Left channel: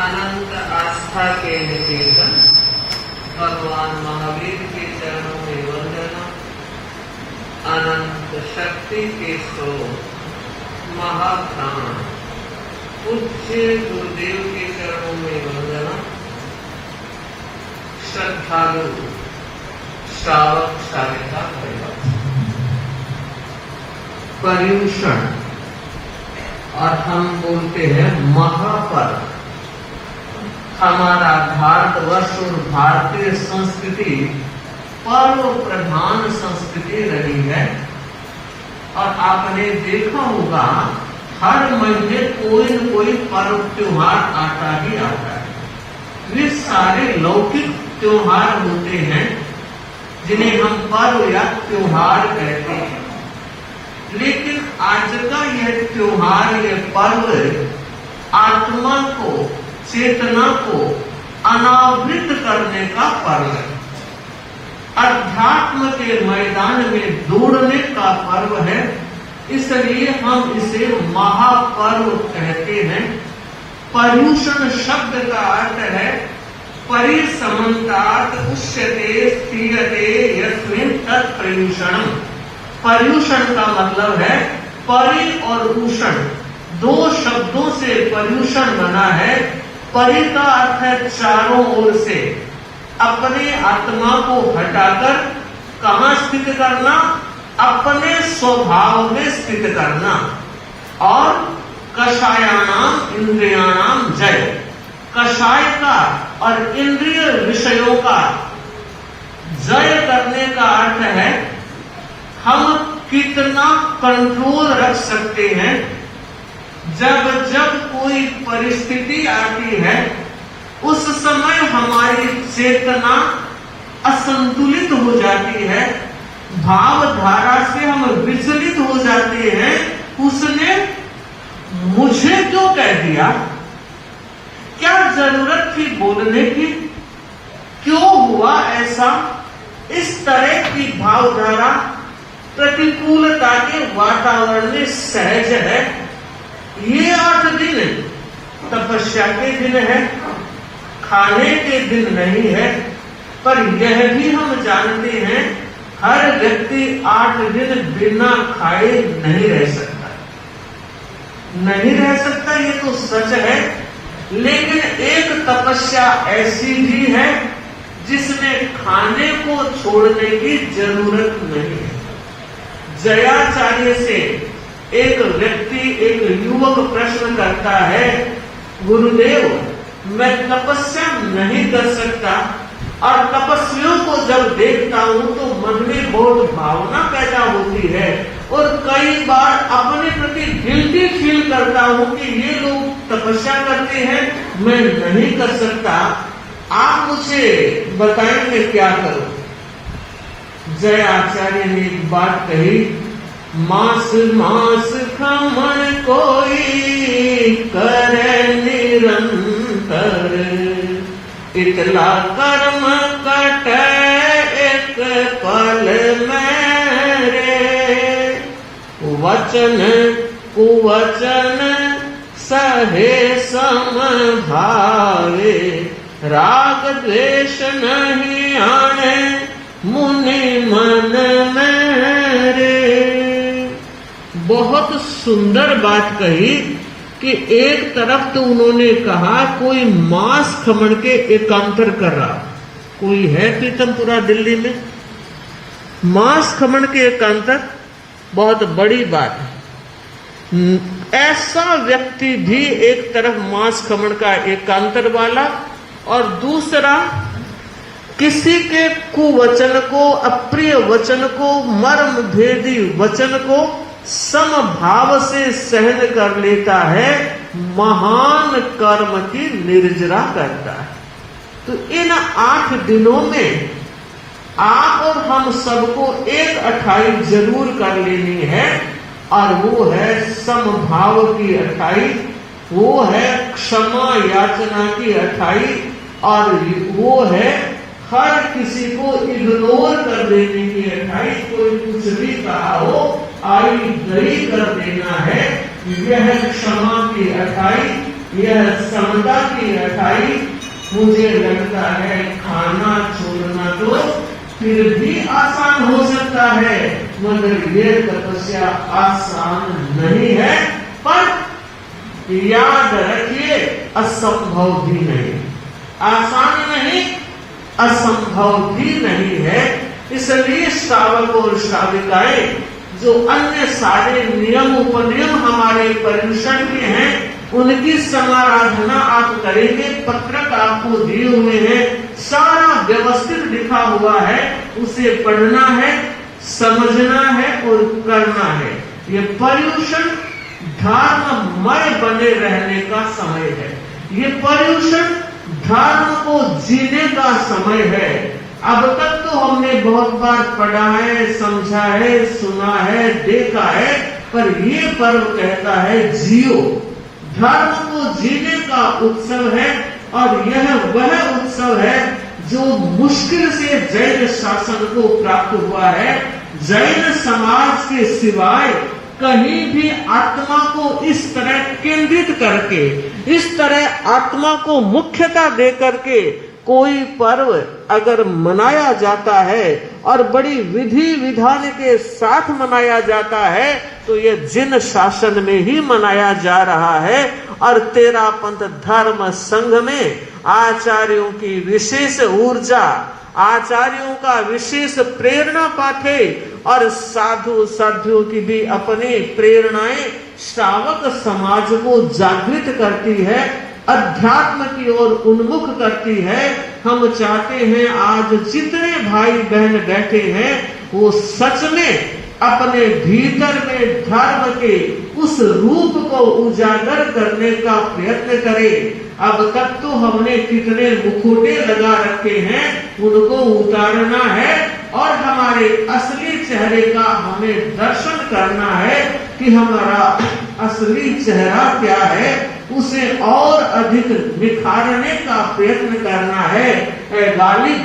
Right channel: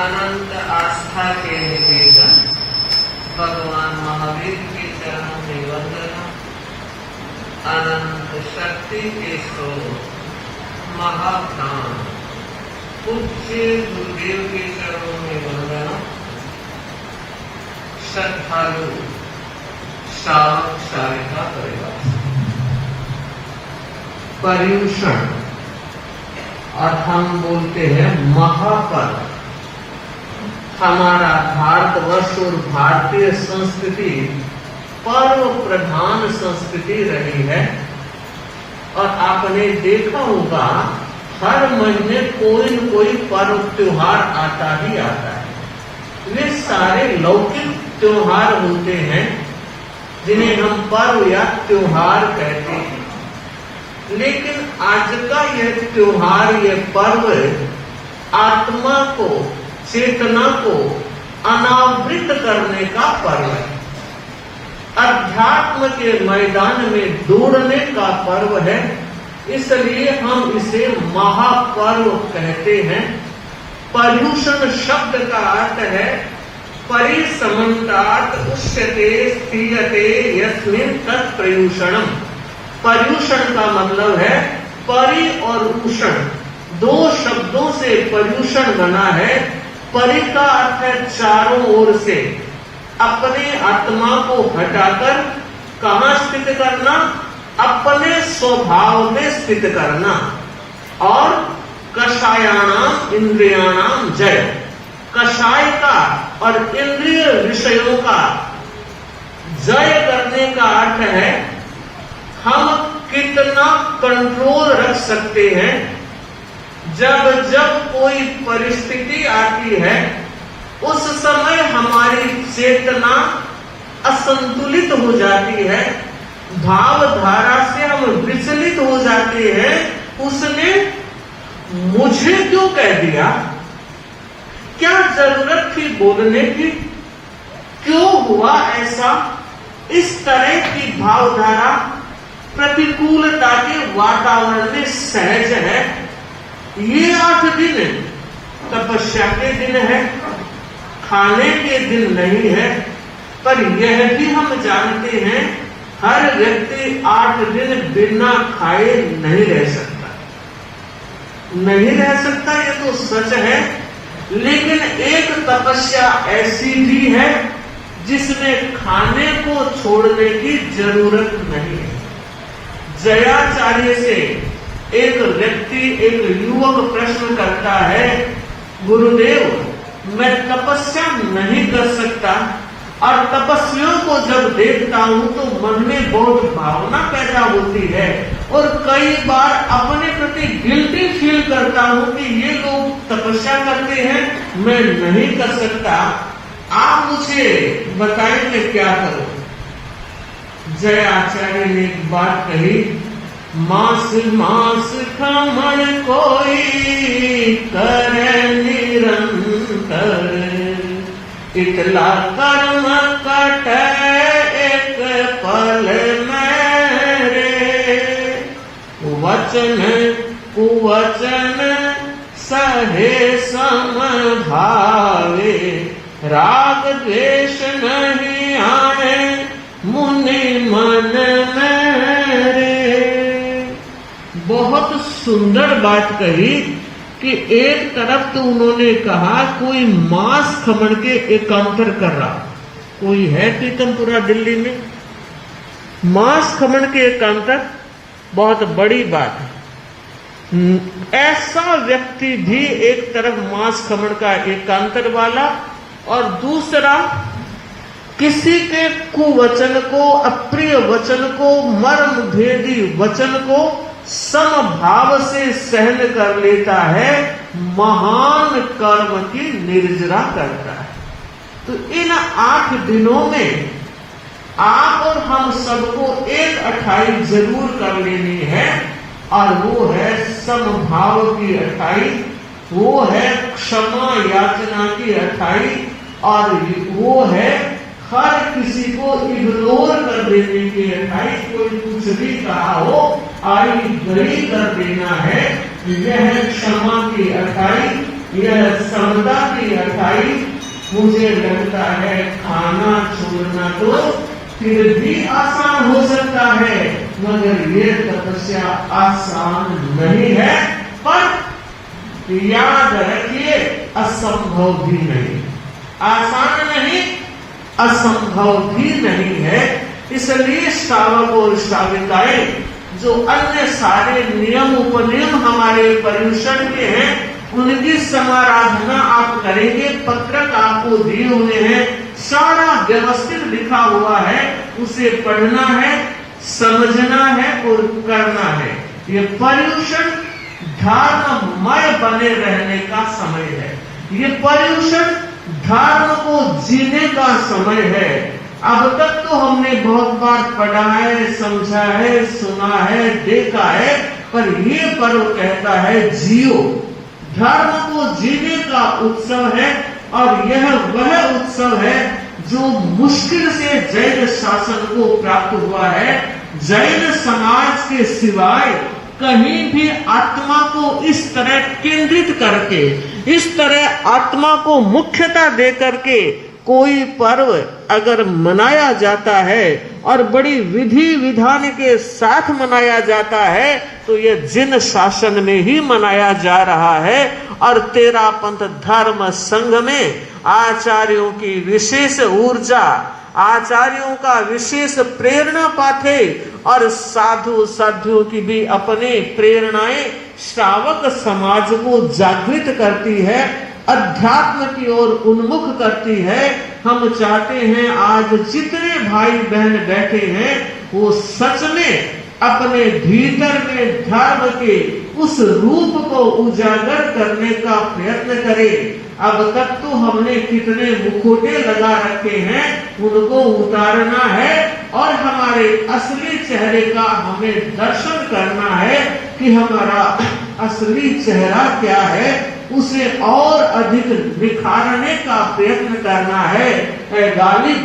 अनंत आस्था के निकेतन भगवान महावीर के चरणों में वंदना। अनंत शक्ति के स्रोत महाप्राण पूज्य गुरुदेव के चरणों में वंदना। श्रद्धालु श्रावक शालिका परिवार। पर्यूषण और हम बोलते हैं महापर्व। हमारा भारतवर्ष और भारतीय संस्कृति पर्व प्रधान संस्कृति रही है और आपने देखा होगा हर महीने कोई न कोई पर्व त्योहार आता ही आता है। वे सारे लौकिक त्योहार होते हैं जिन्हें हम पर्व या त्योहार कहते हैं, लेकिन आज का यह त्योहार, यह पर्व आत्मा को, चेतना को अनावृत करने का पर्व है। अध्यात्म के मैदान में दौड़ने का पर्व है, इसलिए हम इसे महापर्व कहते हैं। पर्यूषण शब्द का अर्थ है परिसमन्तात् उच्यते स्थीयते यस्मिन् तत्पर्यूषणम्। पर्यूषण का मतलब है परि और उषण, दो शब्दों से पर्यूषण बना है। परि का अर्थ है चारों ओर से, अपने आत्मा को हटाकर कहाँ स्थित करना, अपने स्वभाव में स्थित करना। और कषायाणाम इंद्रियाणाम जय, कषाय का और इंद्रिय विषयों का जय करने का अर्थ है हम कितना कंट्रोल रख सकते हैं। जब जब कोई परिस्थिति आती है उस समय हमारी चेतना असंतुलित हो जाती है, भावधारा से हम विचलित हो जाते हैं। उसने मुझे क्यों कह दिया, क्या जरूरत थी बोलने की, क्यों हुआ ऐसा, इस तरह की भावधारा प्रतिकूलता के वातावरण में सहज है। ये 8 दिन तपस्या के दिन है, खाने के दिन नहीं है। पर यह भी हम जानते हैं हर व्यक्ति 8 दिन बिना खाए नहीं रह सकता, नहीं रह सकता, ये तो सच है। लेकिन एक तपस्या ऐसी भी है जिसमें खाने को छोड़ने की जरूरत नहीं है। जयाचार्य से एक व्यक्ति, एक युवक प्रश्न करता है, गुरुदेव मैं तपस्या नहीं कर सकता और तपस्वियों को जब देखता हूँ तो मन में बहुत भावना पैदा होती है और कई बार अपने प्रति गिल्टी फील करता हूँ कि ये लोग तपस्या करते हैं, मैं नहीं कर सकता, आप मुझे बताएंगे क्या करूं। जय आचार्य ने एक बात कही, मास मास खामण कोई करे निरंतर, इतला कर्म कटे एक पल मेरे, वचन कुवचन सहे समभावे, राग द्वेष नहीं आने मुनि मन मेरे। बहुत सुंदर बात कही कि एक तरफ तो उन्होंने कहा कोई मांस खमण के एकांतर कर रहा, कोई है पीतमपुरा दिल्ली में मांस खमण के एकांतर, बहुत बड़ी बात है। ऐसा व्यक्ति भी एक तरफ मांस खमण का एकांतर वाला और दूसरा किसी के कुवचन को, अप्रिय वचन को, मर्म भेदी वचन को समभाव से सहन कर लेता है, महान कर्म की निर्जरा करता है। तो इन 8 दिनों में आप और हम सबको एक अठाई जरूर कर लेनी है और वो है समभाव की अठाई, वो है क्षमा याचना की अठाई और वो है हर किसी को इग्नोर कर देने की अठाई। कोई कुछ भी कहा हो आई गई कर देना है, यह क्षमा की अठाई। यह समता की अठाई मुझे लगता है खाना छोड़ना तो फिर भी आसान हो सकता है, मगर ये तपस्या आसान नहीं है। पर याद रखिए, असंभव भी नहीं, आसान नहीं, असंभव भी नहीं है। इसलिए श्रावक और श्राविकाएं जो अन्य सारे नियम उपनियम हमारे पर्यूषण के हैं, उनकी समाराधना आप करेंगे। पत्रक आपको दिए हुए हैं, सारा व्यवस्थित लिखा हुआ है, उसे पढ़ना है, समझना है और करना है। ये पर्यूषण धर्ममय बने रहने का समय है। ये पर्यूषण धर्म को जीने का समय है। अब तक तो हमने बहुत बार पढ़ा है, समझा है, सुना है, देखा है, पर ये पर्व कहता है जियो। धर्म को जीने का उत्सव है और यह वह उत्सव है जो मुश्किल से जैन शासन को प्राप्त हुआ है। जैन समाज के सिवाय कहीं भी आत्मा को इस तरह केंद्रित करके, इस तरह आत्मा को मुख्यता दे करके कोई पर्व अगर मनाया जाता है और बड़ी विधि विधान के साथ मनाया जाता है, तो यह जिन शासन में ही मनाया जा रहा है। और तेरापंथ धर्म संघ में आचार्यों की विशेष ऊर्जा, आचार्यों का विशेष प्रेरणा पाथे और साधु साध्वियों की भी अपनी प्रेरणाएं श्रावक समाज को जागृत करती है, अध्यात्म की ओर उन्मुख करती है। हम चाहते हैं आज जितने भाई बहन बैठे हैं वो सच में अपने भीतर में धर्म के उस रूप को उजागर करने का प्रयत्न करें। अब तक तो हमने कितने मुखोटे लगा रखे हैं, उनको उतारना है और हमारे असली चेहरे का हमें दर्शन करना है कि हमारा असली चेहरा क्या है, उसे और अधिक निखारने का प्रयत्न करना है। ऐ गालिब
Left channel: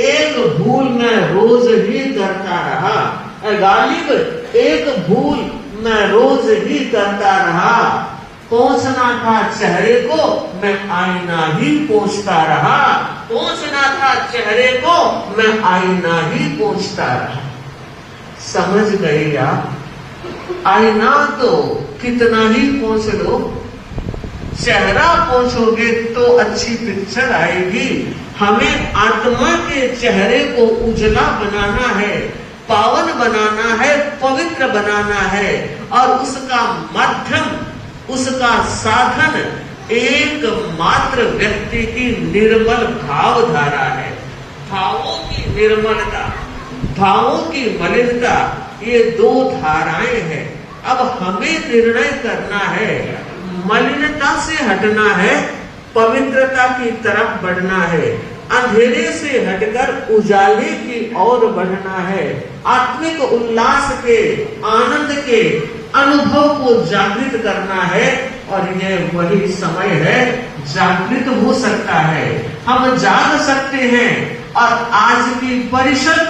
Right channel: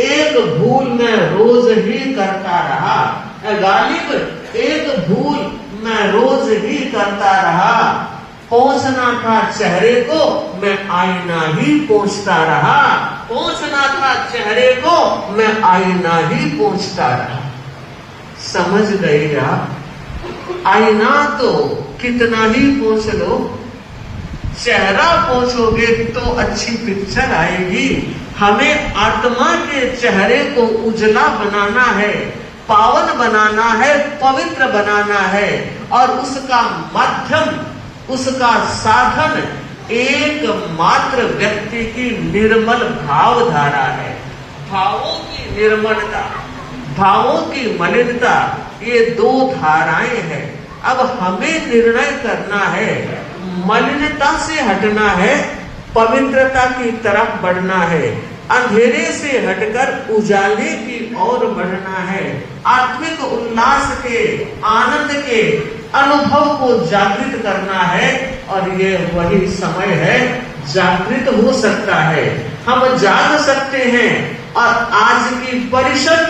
एक भूल मैं रोज ही करता रहा, ऐ गालिब एक भूल मैं रोज ही करता रहा। पोंछना था चेहरे को मैं आईना ही पोंछता रहा, पोंछना था चेहरे को मैं आईना ही पोंछता रहा। समझ गई आप? आईना तो कितना ही पोंछ लो, चेहरा पोंछोगे तो अच्छी पिक्चर आएगी। हमें आत्मा के चेहरे को उजला बनाना है, पावन बनाना है, पवित्र बनाना है और उसका माध्यम, उसका साधन एकमात्र व्यक्ति की निर्मल भावधारा है। भावों की निर्मलता, भावों की मलिनता, ये दो धाराएं हैं। अब हमें निर्णय करना है, मलिनता से हटना है, पवित्रता की तरफ बढ़ना है, अंधेरे से हटकर उजाले की ओर बढ़ना है, आत्मिक उल्लास के, आनंद के अनुभव को जागृत करना है। और ये वही समय है, जागृत हो सकता है, हम जाग सकते हैं। और आज की परिषद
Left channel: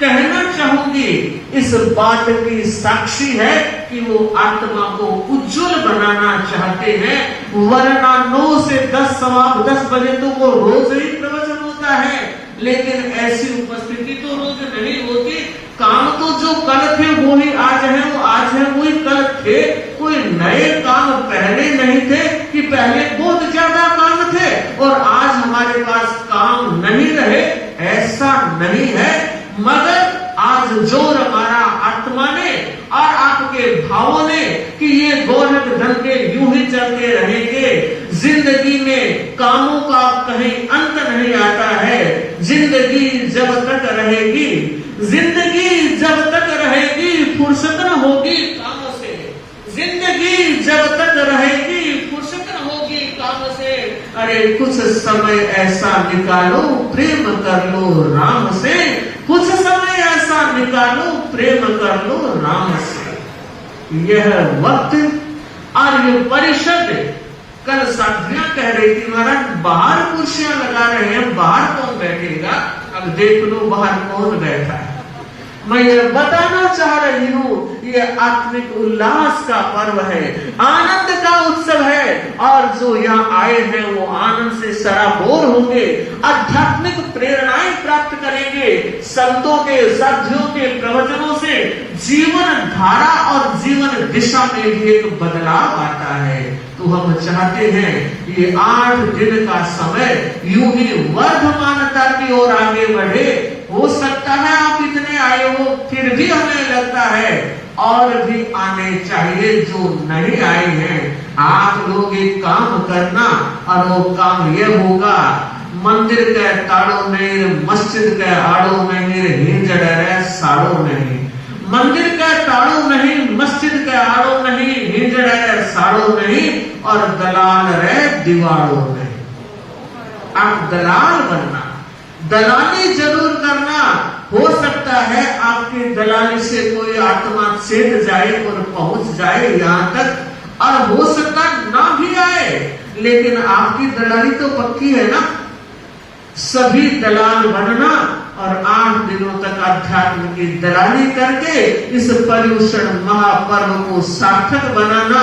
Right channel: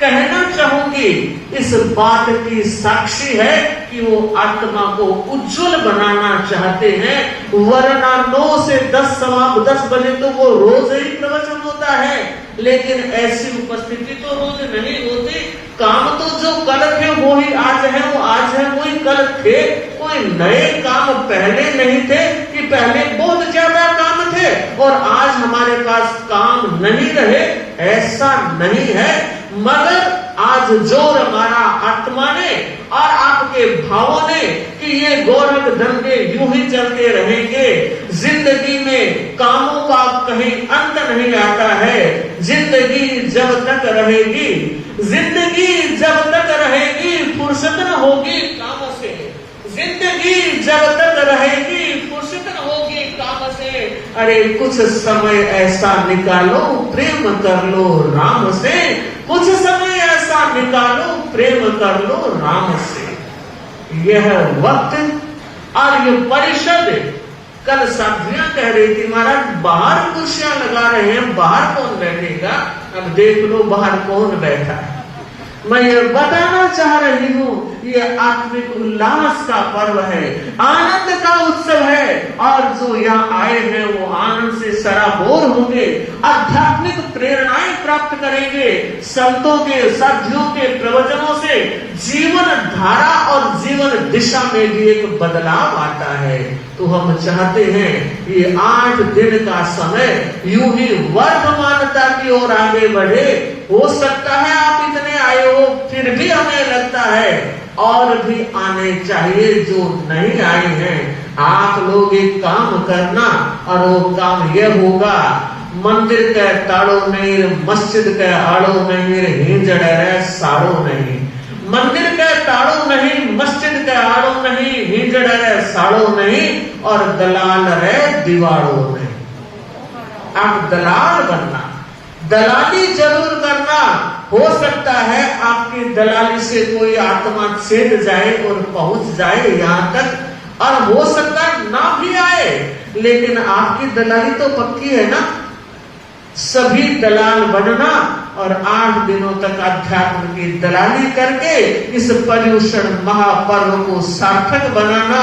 कहना चाहूंगी इस बात की साक्षी है कि वो आत्मा को उज्जवल बनाना चाहते हैं। वरना 9 से 10 सवा 10 बजे तो वो रोज ही प्रवचन होता है, लेकिन ऐसी उपस्थिति तो रोज नहीं होती। काम तो जो कल थे वो ही आज है, वो आज है वही कल थे। कोई नए काम पहले नहीं थे कि पहले बहुत ज्यादा काम थे और आज हमारे पास काम नहीं रहे, ऐसा नहीं है। मगर आज जोर हमारा आत्मा ने और आपके भावों ने कि ये गोरख धंधे यूं ही चलते रहेंगे, जिंदगी में कामों का कहीं अंत नहीं आता है। जिंदगी जब तक रहेगी, जिंदगी जब तक रहेगी फुर्सत न होगी कामों से, जिंदगी जब तक रहेगी फुर्सत न होगी कामों से। अरे कुछ समय ऐसा निकालो प्रेम कर लो राम से, कुछ समय ऐसा निकालो प्रेम कर लो राम से। यह वक्त और ये परिषद, कल साधियां कह रही थी महाराज बाहर कुर्सियां लगा रहे हैं, बाहर कौन बैठेगा? अब देख लो बाहर कौन बैठा है। मैं ये बताना चाह रही हूँ, ये आत्मिक उल्लास का पर्व है, आनंद का उत्सव है। और जो यहाँ आए हैं वो आनंद से सराबोर होंगे, आध्यात्मिक प्रेरणाएं प्राप्त करेंगे, संतों के साथियों के प्रवचनों से जीवन धारा और जीवन दिशा में भी एक बदलाव आता है। तो हम चाहते हैं ये 8 दिन का समय यूं ही वर्धमानता की ओर आगे बढ़े। हो सकता है आप इतने आए हो, फिर भी हमें लगता है और भी आने चाहिए जो नहीं आए हैं। आप लोग एक काम करना, और वो काम यह होगा, मंदिर के ताड़ो में, मस्जिद के आड़ो में, हिंजड़े साड़ो नहीं, मंदिर के ताड़ो नहीं, मस्जिद के आड़ो नहीं, हिंजड़े साड़ो नहीं, और दलाल रे दीवारों नहीं। आप दलाल बनना, दलाली जरूर करना। हो सकता है आपकी दलाली से कोई आत्मा छेद जाए और पहुंच जाए यहाँ तक, और हो सकता ना भी आए, लेकिन आपकी दलाली तो पक्की है ना। सभी दलाल बनना और 8 दिनों तक अध्यात्म की दलाली करके इस पर्युषण महापर्व को सार्थक बनाना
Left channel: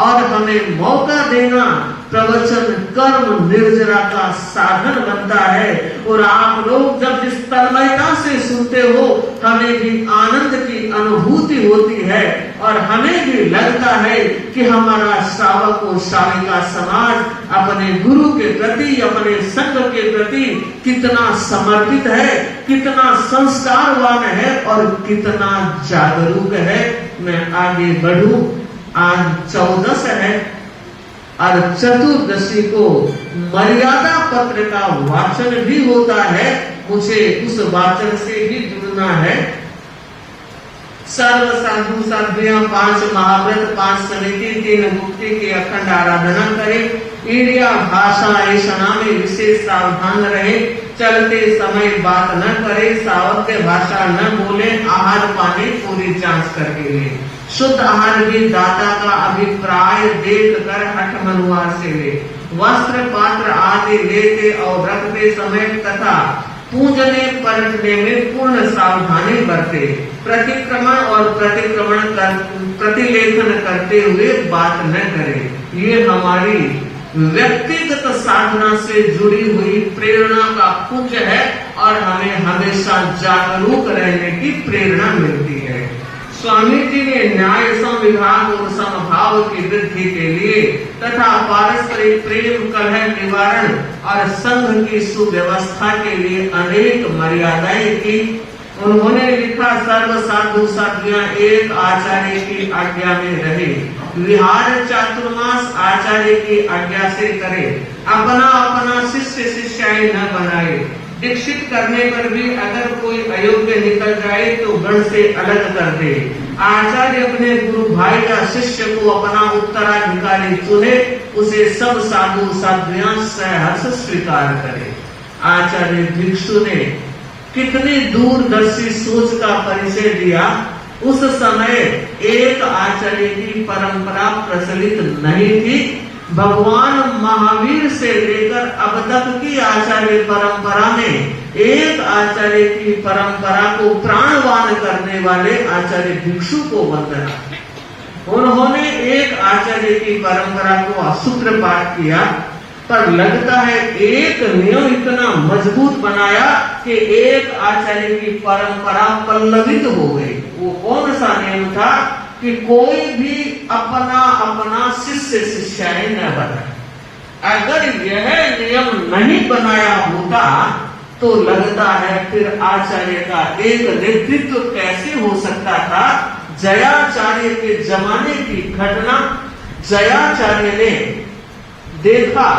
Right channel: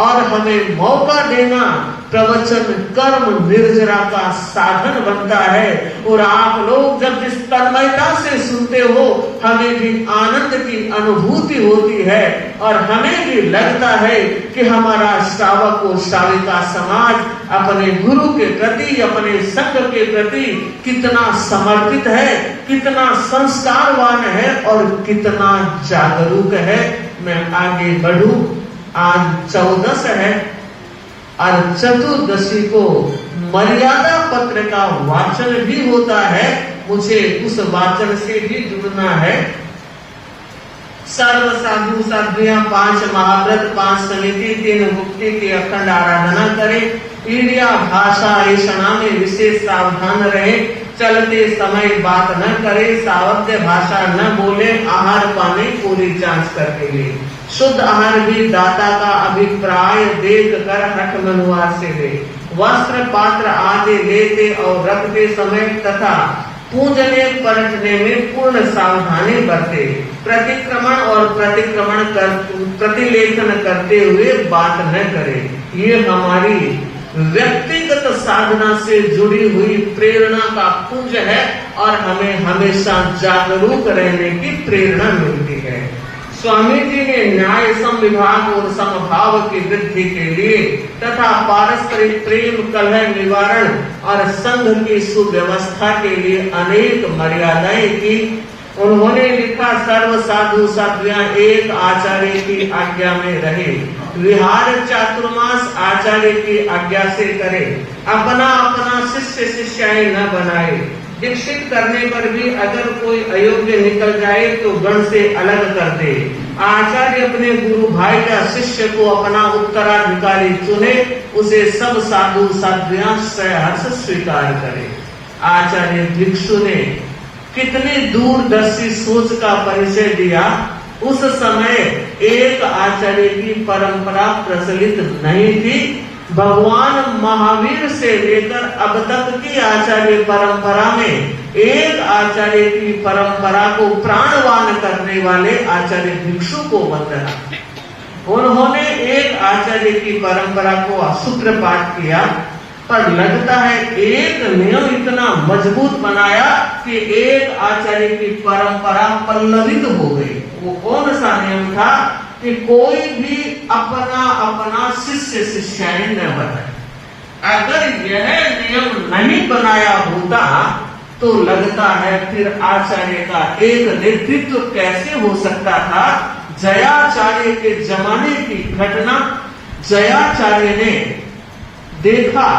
और हमें मौका देना। प्रवचन कर्म निर्जरा का साधन बनता है, और आप लोग जब जिस तन्मयता से सुनते हो, हमें भी आनंद की अनुभूति होती है, और हमें भी लगता है कि हमारा श्रावक और श्राविका समाज अपने गुरु के प्रति, अपने संघ के प्रति कितना समर्पित है, कितना संस्कारवान है और कितना जागरूक है। मैं आगे बढ़ूं। आज 14 है और चतुर्दशी को मर्यादा पत्र का वाचन भी होता है। मुझे उस वाचन से भी जुड़ना है। सर्व साधु साध्वियां 5 महाव्रत, 5 समिति, 3 मुक्ति की अखंड आराधना करें। क्रिया भाषा ऐसा में विशेष सावधान रहे। चलते समय बात न करे, सावध्य भाषा न बोले। आहार पानी पूरी जांच करके ले। शुद्ध आहार भी दाता का अभिप्राय देख कर हठ मनुआ से ले। वस्त्र पात्र आदि लेते और रखते समय तथा पूजने परखने में पूर्ण सावधानी बरते। प्रतिक्रमण और प्रतिलेखन करते हुए बात न करे। ये हमारी व्यक्तिगत साधना से जुड़ी हुई प्रेरणा का पुंज है, और हमें हमेशा जागरूक रहने की प्रेरणा मिलती है। स्वामी जी ने न्याय संविभाग और समभाव की वृद्धि के लिए तथा पारस्परिक प्रेम कलह निवारण और संघ की सुव्यवस्था के लिए अनेक मर्यादाएं की। उन्होंने लिखा, सर्व साधु साध्वियां एक आचार्य की आज्ञा में रहे। विहार चातुर्मास आचार्य की आज्ञा से करे। अपना अपना शिष्य शिष्याएं न बनाए। दीक्षित करने पर भी अगर कोई अयोग्य निकल जाए तो गण से अलग कर दे। आचार्य अपने गुरु भाई या शिष्य को अपना उत्तराधिकारी चुने, उसे सब साधु साध्वियां सहर्ष स्वीकार करे। आचार्य भिक्षु ने कितनी दूरदर्शी सोच का परिचय दिया। उस समय एक आचार्य की परंपरा प्रचलित नहीं थी। भगवान महावीर से लेकर अब तक की आचार्य परंपरा में एक आचार्य की परंपरा को प्राणवान करने वाले आचार्य भिक्षु को वंदना। उन्होंने एक आचार्य की परंपरा को सूत्रपात किया, पर लगता है एक नियम इतना मजबूत बनाया कि एक आचार्य की परंपरा पल्लवित हो गई। वो कौन सा नियम था कि कोई भी अपना अपना शिष्य शिष्याएं न बनाए। अगर यह नियम नहीं बनाया होता तो लगता है फिर आचार्य का एक नेतृत्व कैसे हो सकता था। जयाचार्य के जमाने की घटना, जयाचार्य ने देखा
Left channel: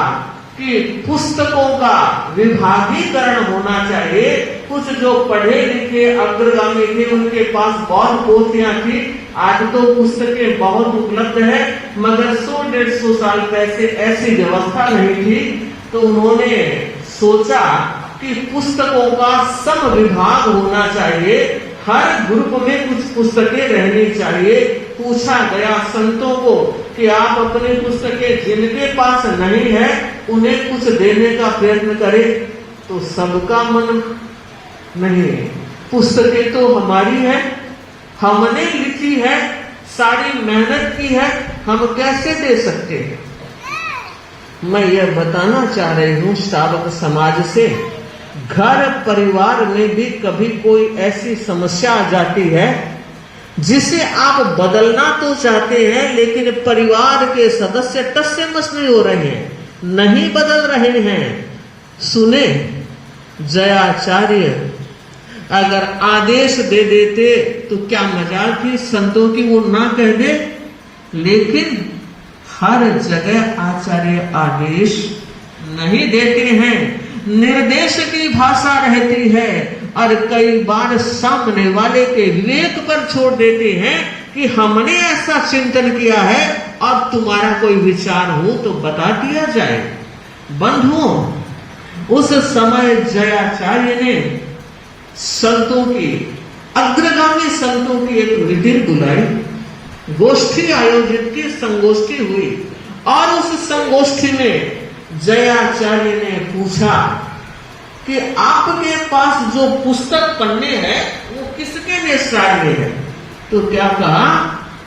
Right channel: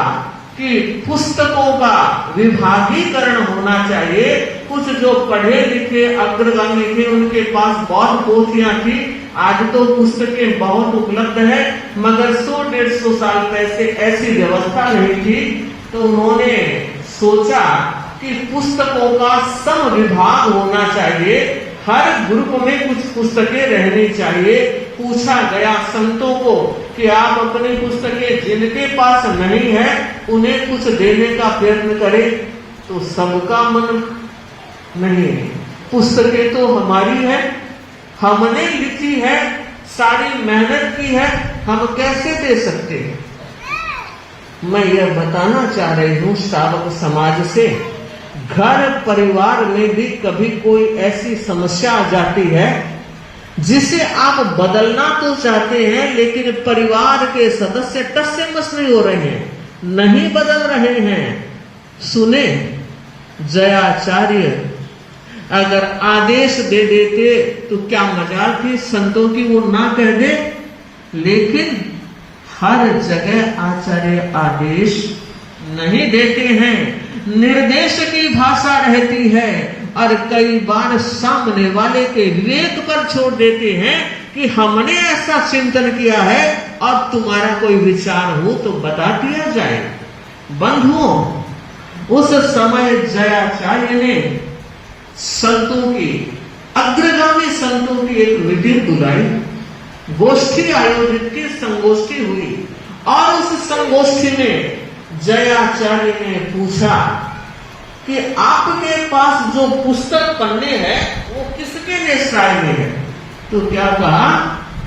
कि पुस्तकों का विभागीकरण होना चाहिए। कुछ जो पढ़े लिखे अग्रगामी थे उनके पास बहुत पोथियां थी। आज तो पुस्तकें बहुत उपलब्ध है, मगर 100-150 साल पहले ऐसी व्यवस्था नहीं थी। तो उन्होंने सोचा कि पुस्तकों का सम विभाग होना चाहिए, हर ग्रुप में कुछ पुस्तकें रहनी चाहिए। पूछा गया संतों को कि आप अपनी पुस्तकें जिनके पास नहीं है उन्हें कुछ देने का प्रयत्न करें, तो सबका मन नहीं। पुस्तकें तो हमारी है, हमने लिखी है, सारी मेहनत की है, हम कैसे दे सकते हैं? मैं यह बताना चाह रही हूं श्रावक समाज से, घर परिवार में भी कभी कोई ऐसी समस्या आ जाती है जिसे आप बदलना तो चाहते हैं, लेकिन परिवार के सदस्य टस से मस नहीं हो रहे हैं, नहीं बदल रहे हैं। सुने, जयाचार्य अगर आदेश दे देते तो क्या मजाल थी संतों की वो ना कह दे, लेकिन हर जगह आचार्य आदेश नहीं देते हैं, निर्देश की भाषा रहती है और कई बार सामने वाले के विवेक पर छोड़ देते हैं कि हमने ऐसा चिंतन किया है, और तुम्हारा कोई विचार हो तो बता दिया जाए। बंधुओं, उस समय जयाचार्य ने संतों की, अग्रगामी संतों की एक मीटिंग बुलाई, गोष्ठी आयोजित की, संगोष्ठी हुई, और उस संगोष्ठी में जयाचार्य ने पूछा कि आपके पास जो पुस्तक पन्ने हैं वो किसके निष्ठाय में है? तो क्या कहा?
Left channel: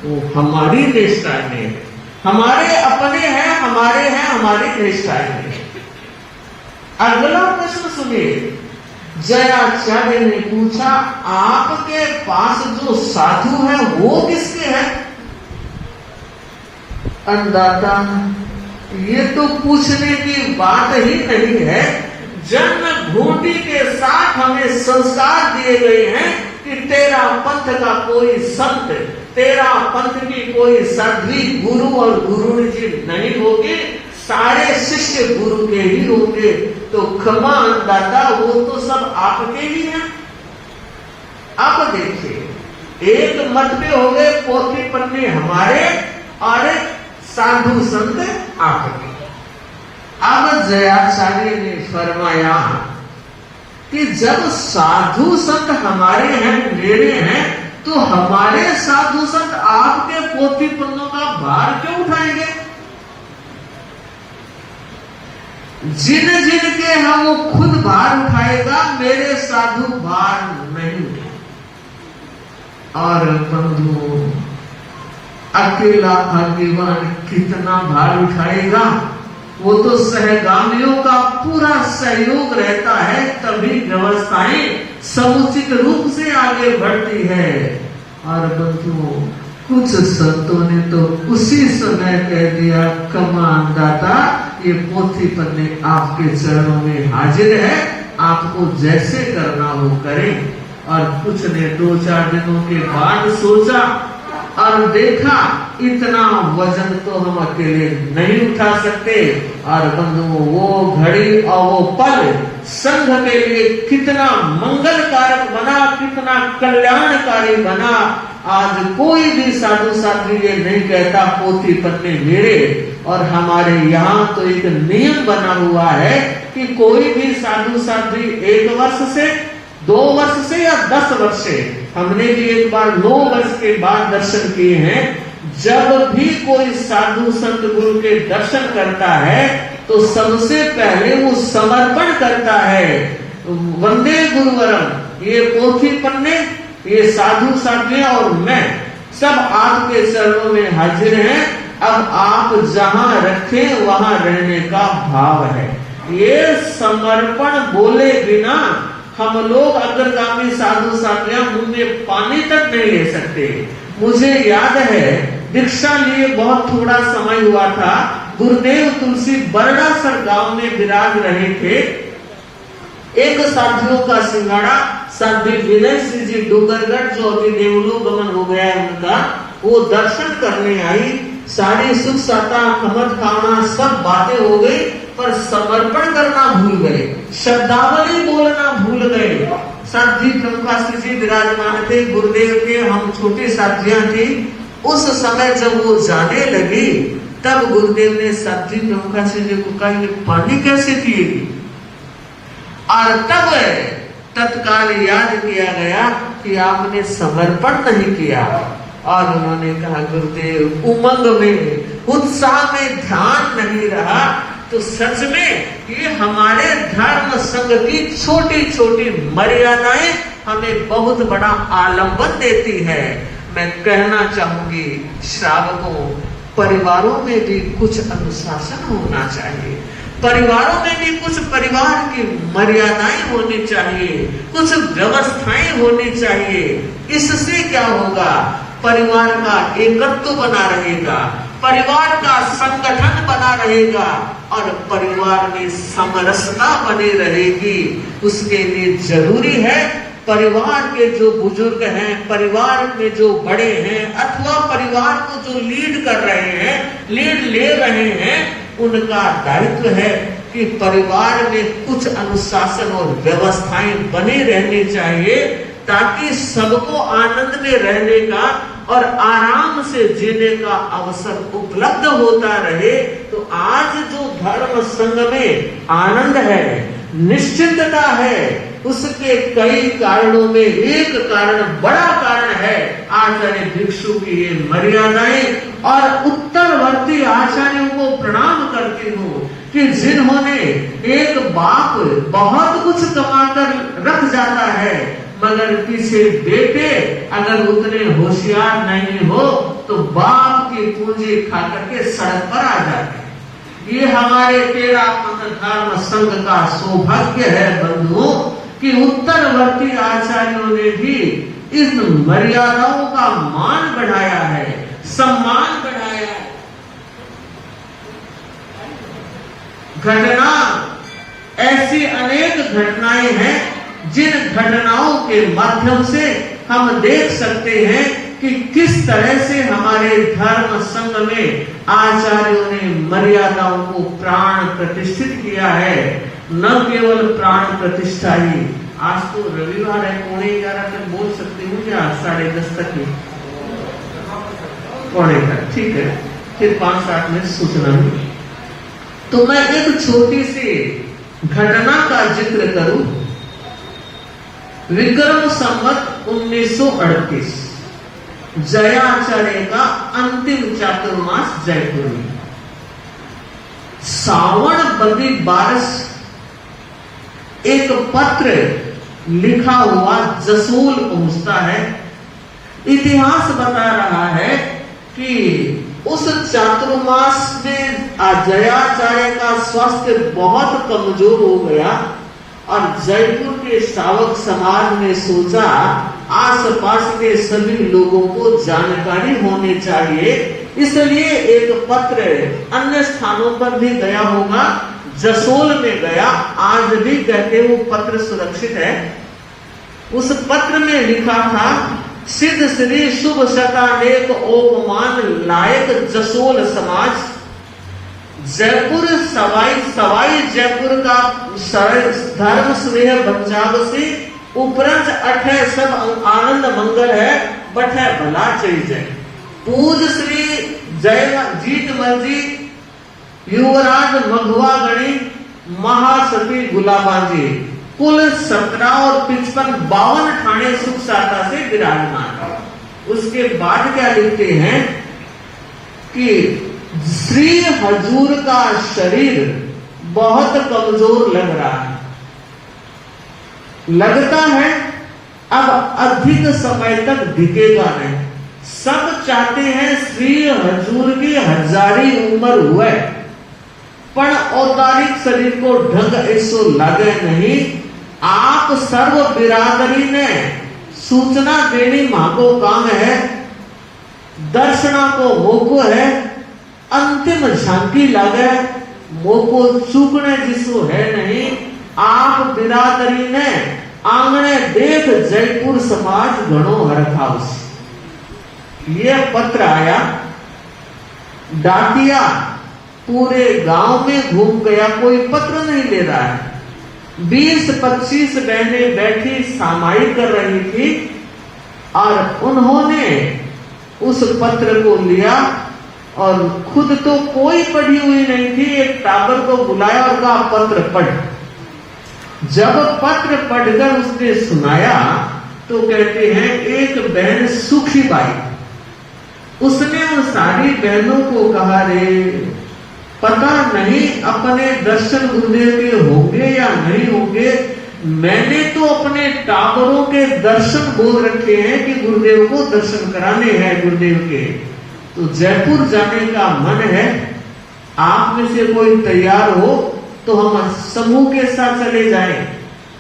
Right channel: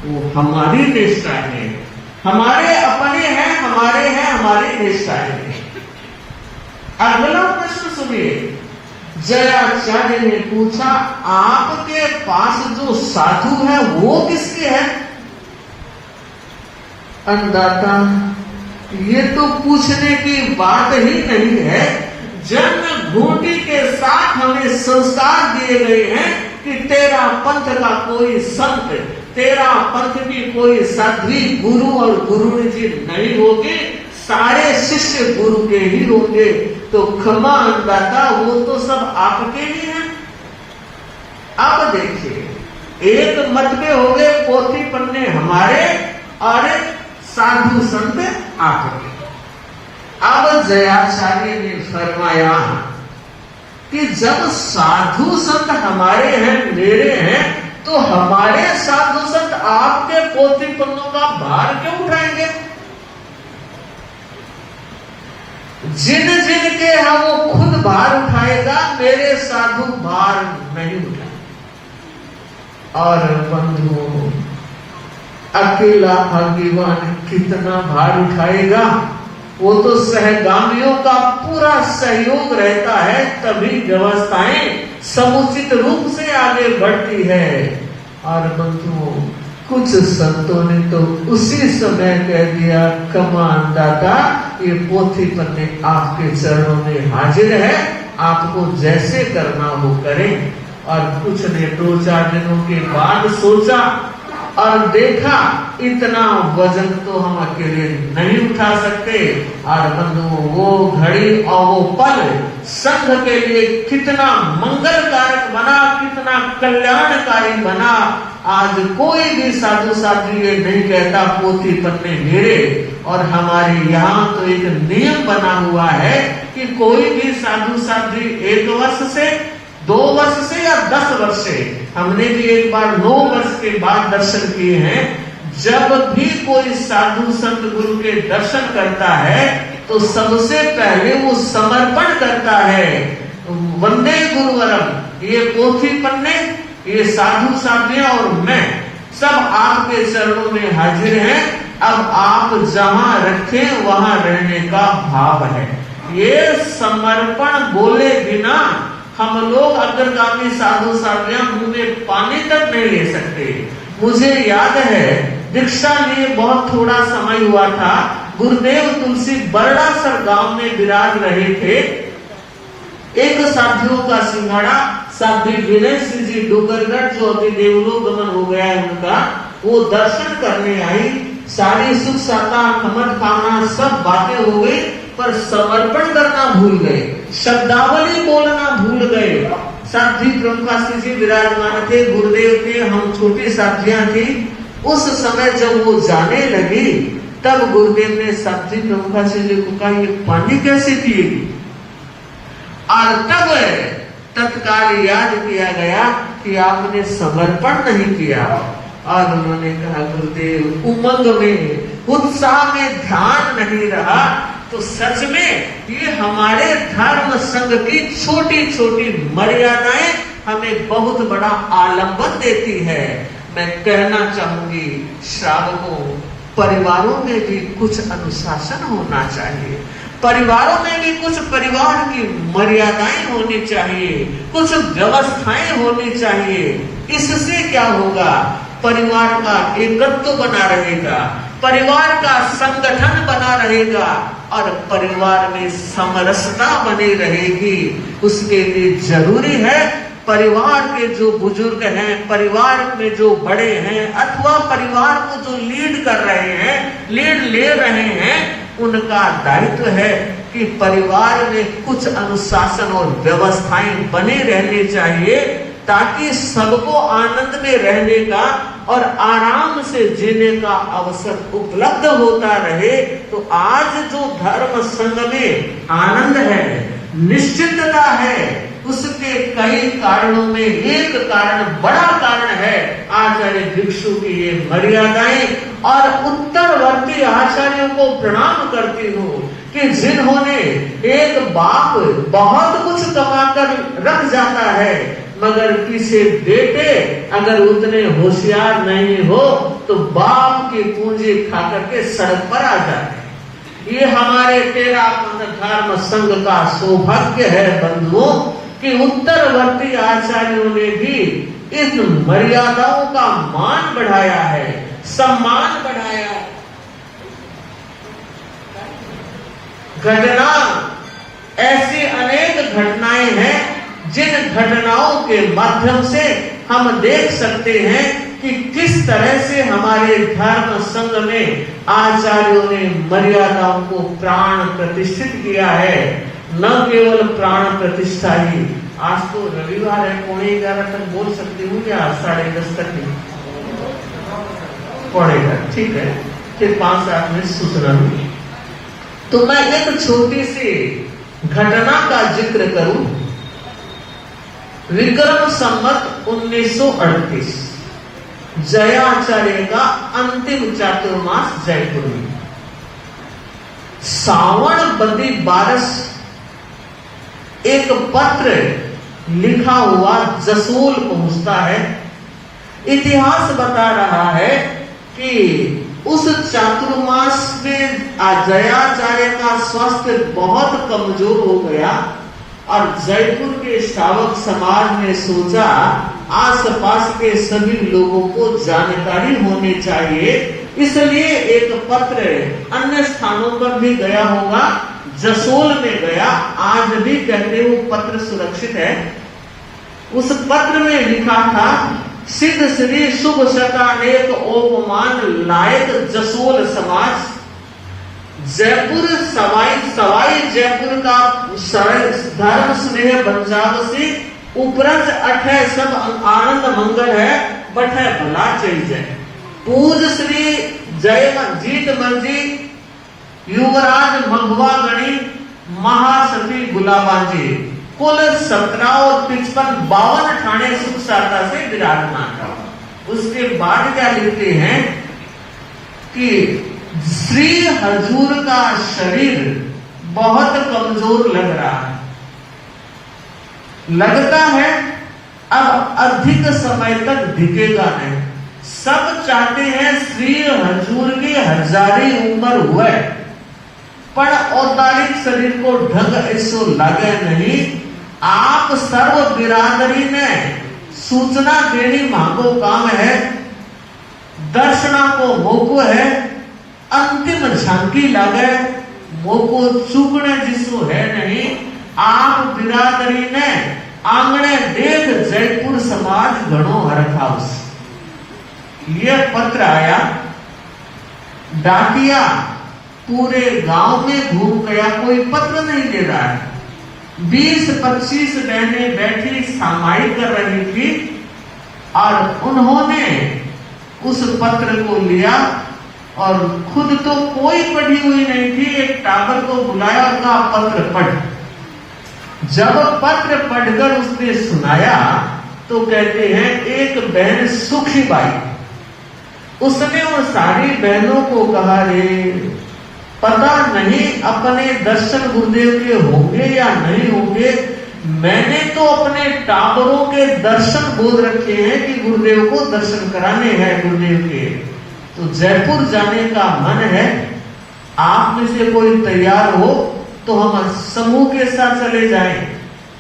वो हमारी निष्ठाय में है, हमारे अपने हैं, हमारे हैं, हमारी निष्ठाय में है। अगला प्रश्न सुनिए, जयाचार्य ने पूछा आपके पास जो साधु है वो किसके है? अन्नदाता, ये तो पूछने की बात ही नहीं है, जन्म घूंटी के साथ हमें संस्कार दिए गए हैं कि तेरा पंथ का कोई संत, तेरा पंथ की कोई साध्वी गुरु और गुरुणी जी नहीं होगी, सारे शिष्य गुरु के ही होंगे। तो क्षमा अन्नदाता, वो तो सब आपके ही हैं। अब देखिए, एक मत में हो गए पोथी पन्ने हमारे और साधु संत आपके। अब जयाचार्य ने फरमाया कि जब साधु संत हमारे हैं, मेरे हैं, तो हमारे साधु संत आपके पोथी पन्नों का भार क्यों उठाएंगे? जिन जिन के हैं वो खुद भार उठाएगा, मेरे साधु भार नहीं उठाएगा। और बंधु, अकेला अकेवान कितना भार उठाएगा? वो तो सहगामियों का पूरा सहयोग रहता है, तभी व्यवस्थाएं समुचित रूप से आगे बढ़ती है। और बंधुओं, कुछ संतों ने तो उसी समय कह दिया, कमान दाता, ये पोथी पन्ने आपके चरणों में हाजिर है, आपको जैसे करना हो करें। और कुछ ने 2-4 दिनों के बाद सोचा और देखा इतना वजन तो हम अकेले नहीं उठा सकते। और बंधुओं, वो घड़ी और वो पल संघ के लिए कितना मंगलकारक बना, कितना कल्याणकारी बना। आज कोई भी साधु साध्वी ये नहीं कहता पोथी पन्ने मेरे। और हमारे यहाँ तो एक नियम बना हुआ है कि कोई भी साधु साध्वी 1 वर्ष से, 2 वर्ष से या 10 वर्ष से, हमने भी एक बार 9 वर्ष के बाद दर्शन किए हैं, जब भी कोई साधु संत गुरु के दर्शन करता है तो सबसे पहले वो समर्पण करता है, वंदे गुरुवरम, ये पोथी पन्ने, ये साधु साध्वियां और मैं सब आपके चरणों में हाजिर हैं। अब आप जहां रखे वहां रहने का भाव है। ये समर्पण बोले बिना हम लोग अग्रगामी साधु साध्वियां मुंह में पानी तक नहीं ले सकते। मुझे याद है, दीक्षा लिए बहुत थोड़ा समय हुआ था, गुरुदेव तुलसी बरड़ासर गांव में विराज रहे थे। एक साधुओं का सिंगाड़ा साध्वी विनय सिंह जी डोगरगढ़, जो अभी देवलोक गमन हो गया है उनका, वो दर्शन करने आई। सारी सुख साता खमत खाना सब बातें हो गई, पर समर्पण करना भूल गए, शब्दावली बोलना भूल गए। साध्वी प्रमुखासी जी विराजमान थे, गुरुदेव थे, हम छोटी साध्वियां थी। उस समय जब वो जाने लगी, तब गुरुदेव ने साध्वी प्रमुखासी जी को कहा, ये पानी कैसे पिएगी? और तब तत्काल याद किया गया कि आपने समर्पण नहीं किया। और उन्होंने कहा, गुरुदेव, उमंग में, उत्साह में ध्यान नहीं रहा। तो सच में ये हमारे धर्म संघ की छोटी छोटी मर्यादाएं हमें बहुत बड़ा आलंबन देती है। मैं कहना चाहूंगी श्रावकों, परिवारों में भी कुछ अनुशासन होना चाहिए, परिवारों में भी कुछ परिवार की मर्यादाएं होनी चाहिए, कुछ व्यवस्थाएं होनी चाहिए। इससे क्या होगा, परिवार का एकत्व बना रहेगा, परिवार का संगठन बना रहेगा और परिवार में समरसता बनी रहेगी। उसके लिए जरूरी है परिवार के जो बुजुर्ग हैं, परिवार में जो बड़े हैं अथवा परिवार को जो लीड कर रहे हैं, लीड ले रहे हैं, उनका दायित्व है कि परिवार में कुछ अनुशासन और व्यवस्थाएं बने रहनी चाहिए ताकि सबको आनंद में रहने का और आराम से जीने का अवसर उपलब्ध होता रहे। तो आज जो धर्म संघ में आनंद है, निश्चितता है, उसके कई कारणों में एक कारण, बड़ा कारण है आचार्य भिक्षु की ये मर्यादाएं। और उत्तरवर्ती आचार्यों को प्रणाम करती हूँ कि जिन्होंने, एक बाप बहुत कुछ कमाकर रख जाता है मगर पीछे बेटे अगर उतने होशियार नहीं हो तो बाप की पूंजी खा करके सड़क पर आ जाते हैं। ये हमारे तेरापंथ धर्म संघ का सौभाग्य है बंधुओं कि उत्तरवर्ती आचार्यों ने भी इस मर्यादाओं का मान बढ़ाया है, सम्मान बढ़ाया है। घटना, ऐसी अनेक घटनाएं हैं जिन घटनाओं के माध्यम से हम देख सकते हैं कि किस तरह से हमारे धर्म संघ में आचार्यों ने मर्यादाओं को प्राण प्रतिष्ठित किया है। न केवल प्राण प्रतिष्ठा ही, आज तो रविवार है, 11:15 तक बोल सकती हूँ या 10:30 तक ही? 11:15, ठीक है, फिर 5-7 मिनट सूचना हुई। तो मैं एक छोटी सी घटना का जिक्र करूं। विक्रम संवत 1938 जयाचार्य का अंतिम चातुर्मास जयपुर में, सावन बदी बारस एक पत्र लिखा हुआ जसोल पहुंचता है। इतिहास बता रहा है कि उस चातुर्मास में जयाचार्य का स्वास्थ्य बहुत कमजोर हो गया और जयपुर के श्रावक समाज ने सोचा आसपास के सभी लोगों को जानकारी होनी चाहिए, इसलिए एक पत्र अन्य स्थानों पर भी गया होगा, जसोल में गया, आज भी कहते हैं वो पत्र सुरक्षित है। उस पत्र में लिखा था, सिद्ध श्री शुभ शतानेक ओपमान लायक जसोल समाज, जयपुर सवाई जयपुर का धर्म स्नेह बचाव से उपरंत अठे सब आनंद मंगल है, बठे भला चाहिए। पूज श्री जय जीत मर्जी युवराज मघवा गणी महासती गुलाबाजी, कुल 17 और 55 ठाणे सुख शाखा से विराजमान। उसके बाद क्या लिखते हैं कि श्री हजूर का शरीर बहुत कमजोर लग रहा है, लगता है अब अधिक समय तक दिखेगा नहीं। सब चाहते हैं श्री हजूर की हजारी उम्र हुए पर औदारिक शरीर को ढंग ऐसो लगे नहीं। आप सर्व बिरादरी ने सूचना देनी माको काम है, दर्शना को मोको है, अंतिम झांकी लागे मोको चूकने जिसो है नहीं। आप बिरादरी ने आंगणे देख जयपुर समाज घणो हरखाउस। ये पत्र आया, डाकिया पूरे गांव में घूम गया, कोई पत्र नहीं ले रहा है। 20-25 बहनें बैठी सामाई कर रही थी और उन्होंने उस पत्र को लिया और खुद तो कोई पढ़ी हुई नहीं थी, एक टाबर को बुलाया और कहा पत्र पढ़। जब पत्र पढ़कर उसने सुनाया तो कहते हैं एक बहन सुखी बाई, उसने उन सारी बहनों को कहा, रे पता नहीं अपने दर्शन गुरुदेव के होंगे या नहीं होंगे, मैंने तो अपने टावरों के दर्शन बोल रखे हैं कि गुरुदेव को दर्शन कराने हैं गुरुदेव के, तो जयपुर जाने का मन है। आप में से कोई तैयार हो तो हम समूह के साथ चले जाएं।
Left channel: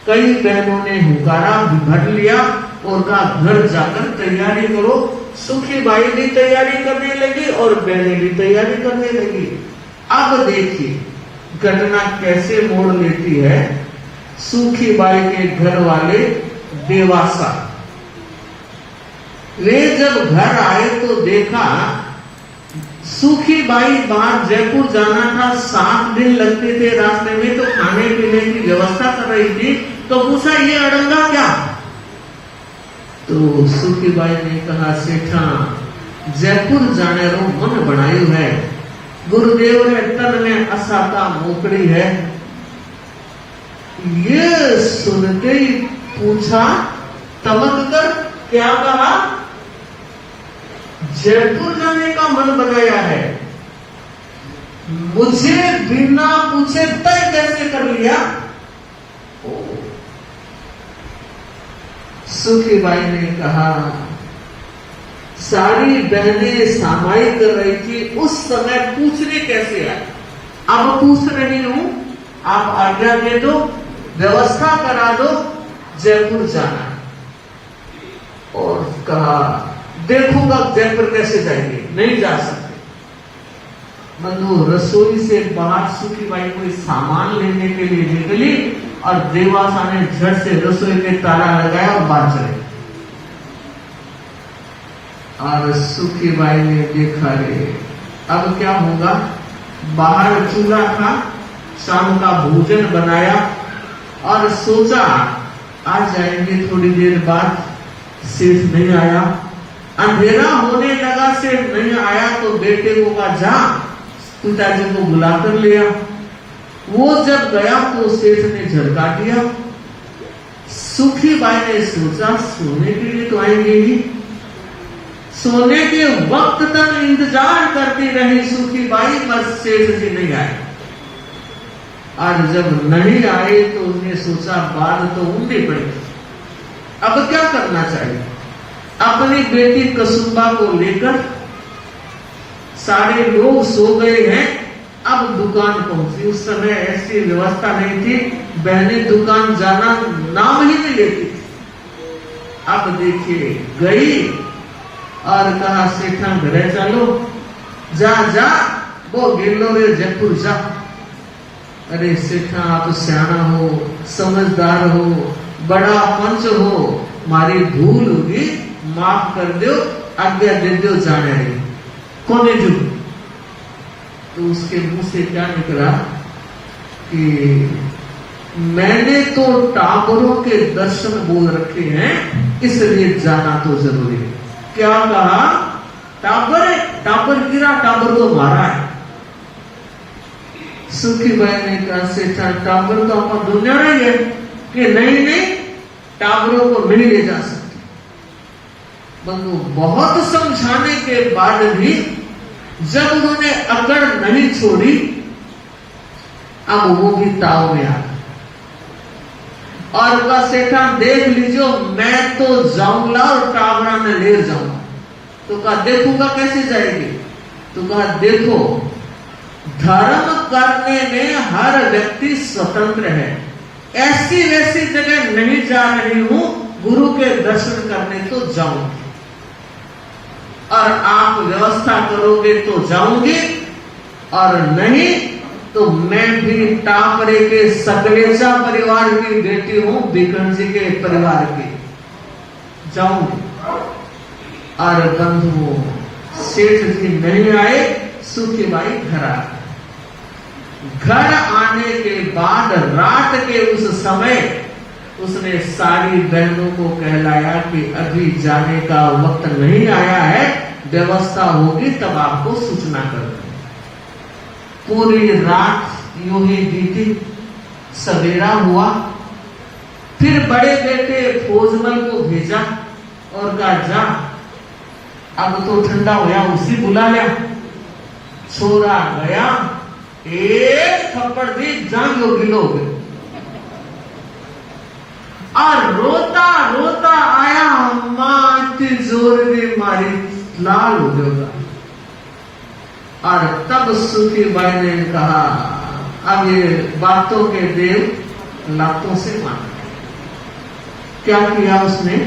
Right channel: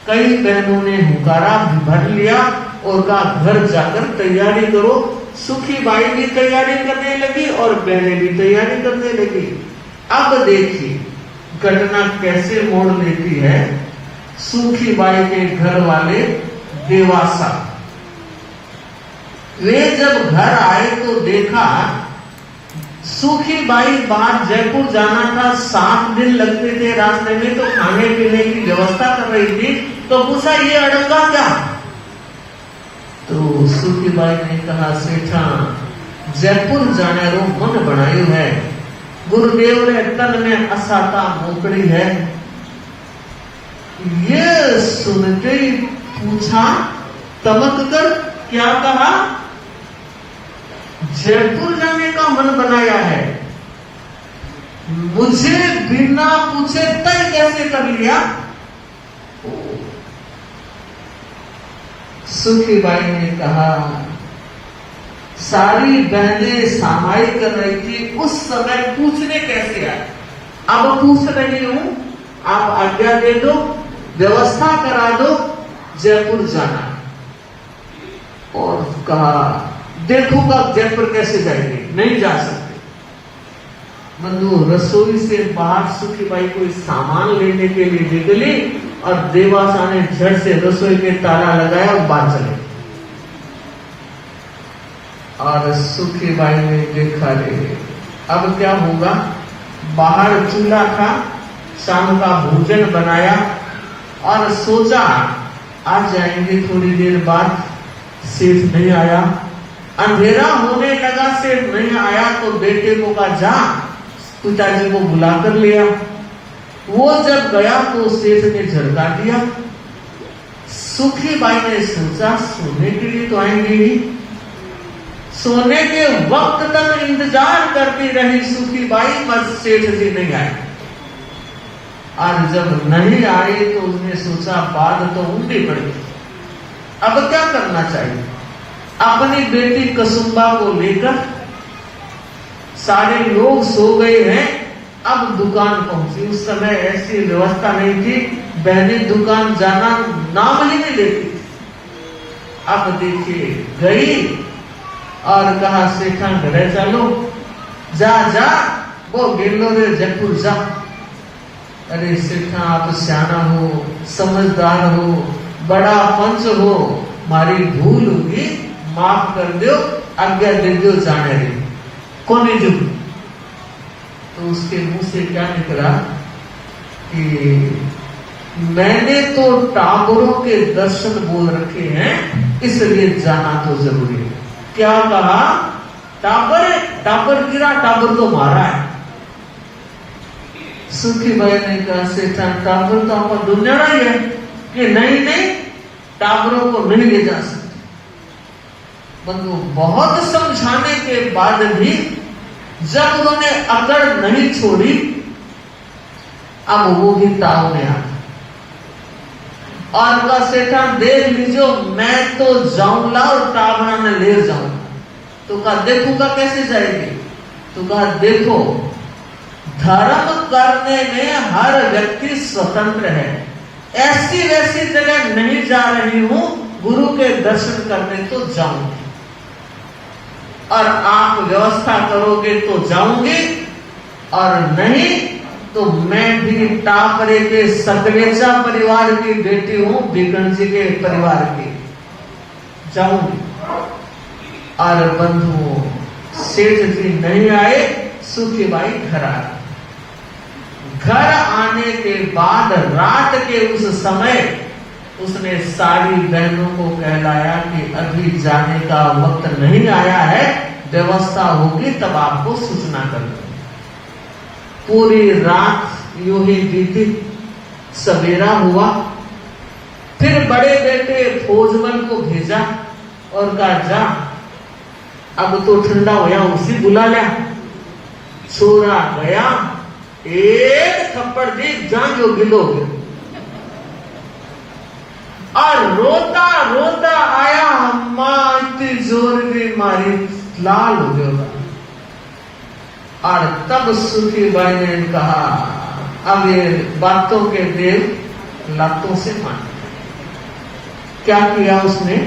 कई बहनों ने हुकारा भर लिया और कहा घर जाकर तैयारी करो। सुखी बाई भी तैयारी करने लगी और बहनें भी तैयारी करने लगी। अब देखिए घटना कैसे मोड़ लेती है। सुखी बाई के घर वाले देवासा, वे जब घर आए तो देखा सुखी बाई बाहर जयपुर जाना था, 7 दिन लगते थे रास्ते में, तो खाने पीने की व्यवस्था कर रही थी। तो पूछा ये अड़ंगा क्या? तो सुखी बाई ने कहा सेठा जयपुर जाने को मन बनायु है, गुरुदेव ने तन में असाता मोकड़ी है। ये सुनते ही पूछा तमक कर क्या कहा? जयपुर जाने का मन बनाया है, मुझे बिना पूछे तय कैसे कर लिया? सुखी बाई ने कहा सारी बहनें सामाई कर रही थी, उस समय पूछने कैसे आए? अब पूछ रही हूं, आप आज्ञा दे दो, व्यवस्था करा दो, जयपुर जाना। और कहा देखूंगा जयपुर कैसे जाएंगे, नहीं जा सकते। मनु रसोई से बाहर सुखी बाई कोई सामान लेने के लिए निकली और देवासा ने झट से रसोई में ताला लगाया और बाहर चले। और सुखी बाई ने देखा ले अब क्या होगा। बाहर चूल्हा था, शाम का भोजन बनाया और सोचा आ जाएंगे थोड़ी देर बाद। सेठ नहीं आया, अंधेरा होने लगा, सेठ नहीं आया तो बेटे को कहा जा पिताजी को बुलाकर लिया। वो जब गया तो सेठ ने झटका दिया। सुखी बाई ने सोचा सोने के लिए तो आएंगे ही। सोने के वक्त तक इंतजार करती रही सुखी बाई, पर सेठ जी नहीं आए। और जब नहीं आए तो उसने सोचा बात तो उल्टी पड़ी, अब क्या करना चाहिए। अपनी बेटी कसुम्बा को लेकर सारे लोग सो गए हैं, अब दुकान पहुंची। उस समय ऐसी व्यवस्था नहीं थी, बहनें दुकान जाना नाम ही नहीं लेती। अब देखिए गई और कहा सेठा घरे चलो, जा जा वो गिरलोगे जयपुर जा। अरे सेठा आप सियाना हो, समझदार हो, बड़ा पंच हो, मारी भूल होगी, माफ कर दो, आज्ञा दे दो जाने दे। कौन है जो? तो उसके मुंह से क्या निकला कि मैंने तो टावरों के दर्शन बोल रखे हैं, इसलिए जाना तो जरूरी है। क्या कहा? टावर, टावर गिरा, टावर को मारा है। सुखी बाई ने कहा सेठा टावर तो आपको ढूंढना ही है कि नहीं नहीं टावरों को नहीं ले जा सकते। बंधु बहुत समझाने के बाद भी जब उन्होंने अकड़ नहीं छोड़ी, अब वो भी ताव में आ और वह सेठा देख लीजिए मैं तो जाऊंगा और टावरा में ले जाऊंगा। तो कहा देखूंगा कैसे जाएगी? तो कहा देखो धर्म करने में हर व्यक्ति स्वतंत्र है, ऐसी वैसी जगह नहीं जा रही हूं, गुरु के दर्शन करने तो जाऊंगी और आप व्यवस्था करोगे तो जाऊंगी और नहीं तो मैं भी टापरे के सकलेचा परिवार की बेटी हूं, बिकन जी के परिवार की, जाऊंगी। और बंधुओं सेठ जी नहीं आए, सुखी बाई घर आ गई। घर आने के बाद रात के उस समय उसने सारी बहनों को कहलाया कि अभी जाने का वक्त नहीं आया है, व्यवस्था होगी तब आपको सूचना कर देंगे। पूरी रात यूं ही बीती, सवेरा हुआ, फिर बड़े बेटे फौजमल को भेजा और कहा जा अब तो ठंडा होया, उसी बुला लिया। छोरा गया, एक थप्पड़ दी, जान जो गिलो गए। और रोता रोता आया, मां इतनी जोर की मारी, लाल हो गया। और तब सुखी बाई ने कहा, अब ये बातों के देव लातों से मान। क्या किया उसने?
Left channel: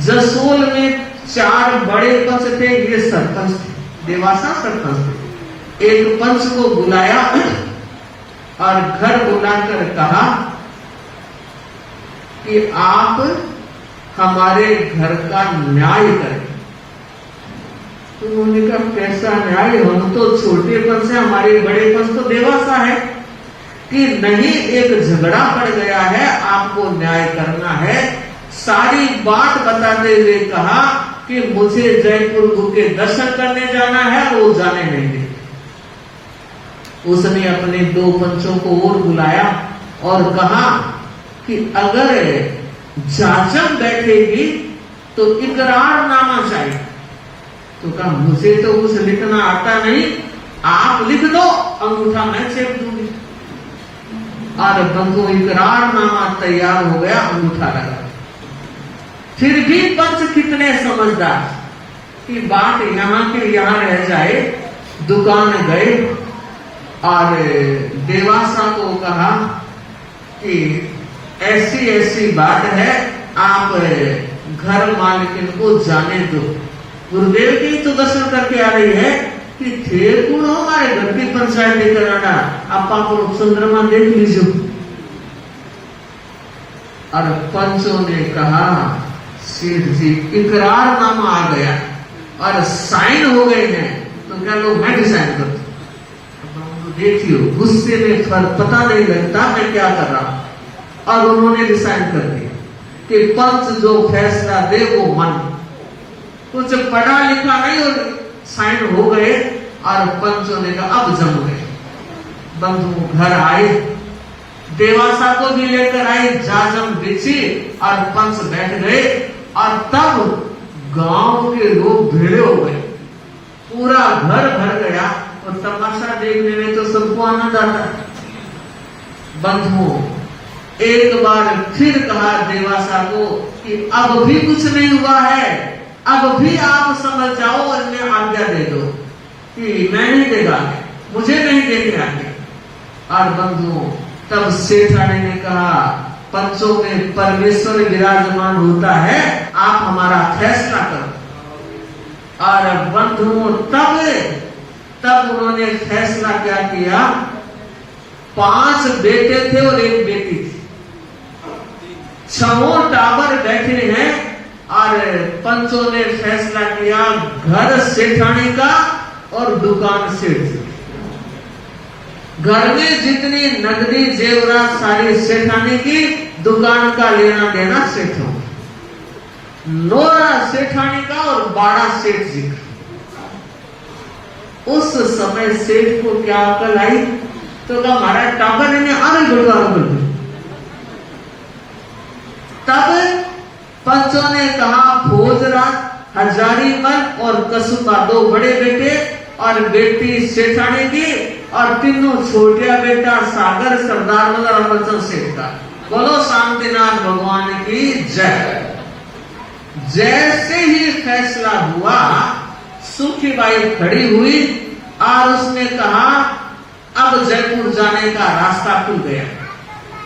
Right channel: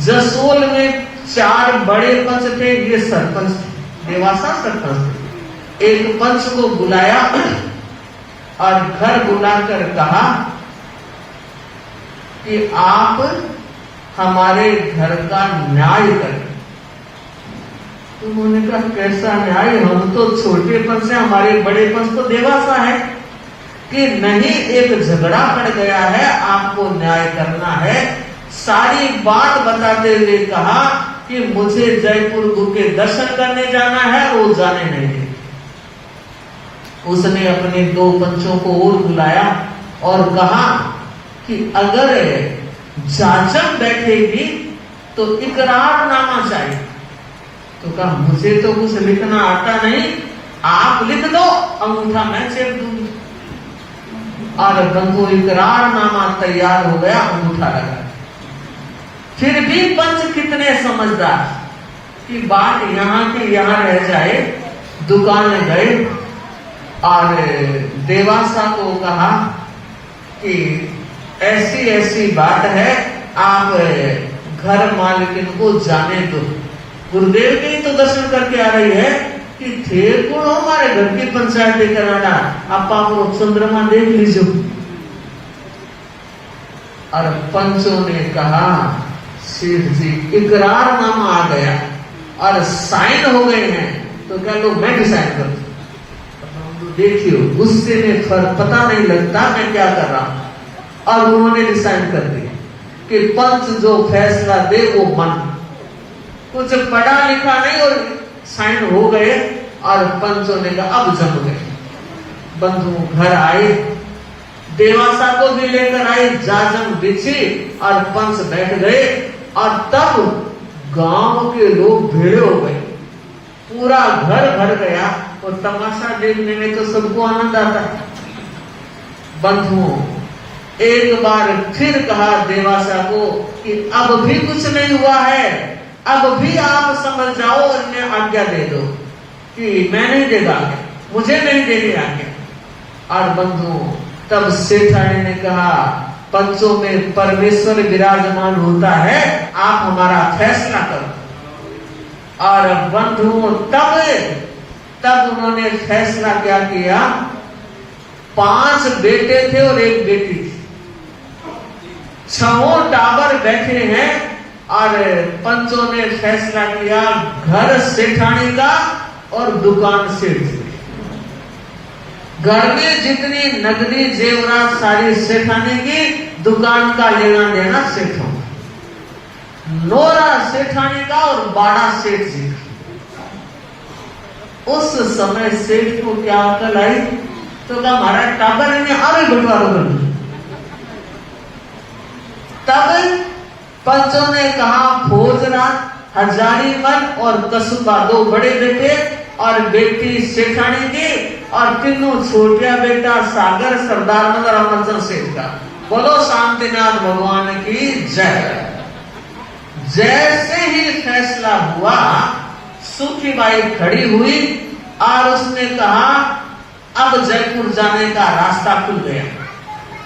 जसोल में 4 बड़े पंच थे, ये सरपंच थे, देवासा सरपंच थे। एक पंच को बुलाया और घर बुलाकर कहा कि आप हमारे घर का न्याय करें। तो उन्होंने कहा, कैसा न्याय? हम तो छोटे पंच से, हमारे बड़े पंच तो देवासा है। कि नहीं, एक झगड़ा पड़ गया है, आपको न्याय करना है। सारी बात बताते हुए कहा कि मुझे जयपुर के दर्शन करने जाना है, वो जाने नहीं दे। उसने अपने 2 पंचों को और बुलाया और कहा कि अगर जाजम बैठेगी तो इकरारनामा चाहिए। तो कहा, मुझे तो कुछ लिखना आता नहीं, आप लिख दो, अंगूठा मैं चेक दूंगी। और बंधु इकरारनामा तैयार हो गया, अंगूठा लगा। फिर भी पंच कितने समझदार कि बात यहां के यहां रह जाए। दुकान में गए और देवासा को कहा कि ऐसी ऐसी बात है, आप घर मालिकिन को जाने दो। गुरुदेव की तो दर्शन करके आ रही है कि थे कौन हमारे घर की पंचायत लेकर आना, आपा को चंद्रमा देख लीजिए। और पंचों ने कहा, सेठ जी इकरारनामा आ गया और साइन हो गए हैं, तो क्या लो मैं भी साइन कर दूं। देखियो, गुस्से में पता नहीं लगता मैं क्या कर रहा हूं। और उन्होंने भी साइन कर दिया कि पंच जो फैसला दे वो मन। कुछ पढ़ा लिखा नहीं और साइन हो गए। और पंचों ने कहा, अब जम गए। बंधु घर आए, देवासा को भी लेकर आए, जाजम बिछी और पंच बैठ गए। और तब गांव के लोग भीड़ हो गए, पूरा घर भर गया। और तमाशा देखने में तो सबको आनंद आता। बंधुओं, एक बार फिर कहा देवासा को कि अब भी कुछ नहीं हुआ है, अब भी आप समझ जाओ और इन्हें आज्ञा दे दो कि मैं नहीं देगा, मुझे नहीं देनी आज्ञा। और बंधुओं, तब सेठानी ने कहा, पंचों में परमेश्वर विराजमान होता है, आप हमारा फैसला करो। और बंधुओं, तब उन्होंने फैसला क्या किया? 5 बेटे थे और 1 बेटी थी। 6 टावर बैठे हैं और पंचों ने फैसला किया, घर सेठानी का और दुकान सेठ की। घर में जितनी नगदी जेवरात सारी सेठानी की, दुकान का लेना देना सेठों। नोरा सेठानी का और बाड़ा सेठ जी का। उस समय सेठ को क्या अकल आई? तो कहा, हमारा टावर नहीं है, आगे बंटवारा कर। तब पंचों ने कहा, भोजराज, हजारीमल और कसुबा 2 बड़े बेटे और बेटी सेठानी की, और तीनों छोटिया बेटा सागर सरदार मदर अमरचंद सेठ का। बोलो शांतिनाथ भगवान की जय। जैसे ही फैसला हुआ, सुखीबाई खड़ी हुई और उसने कहा, अब जयपुर जाने का रास्ता खुल गया।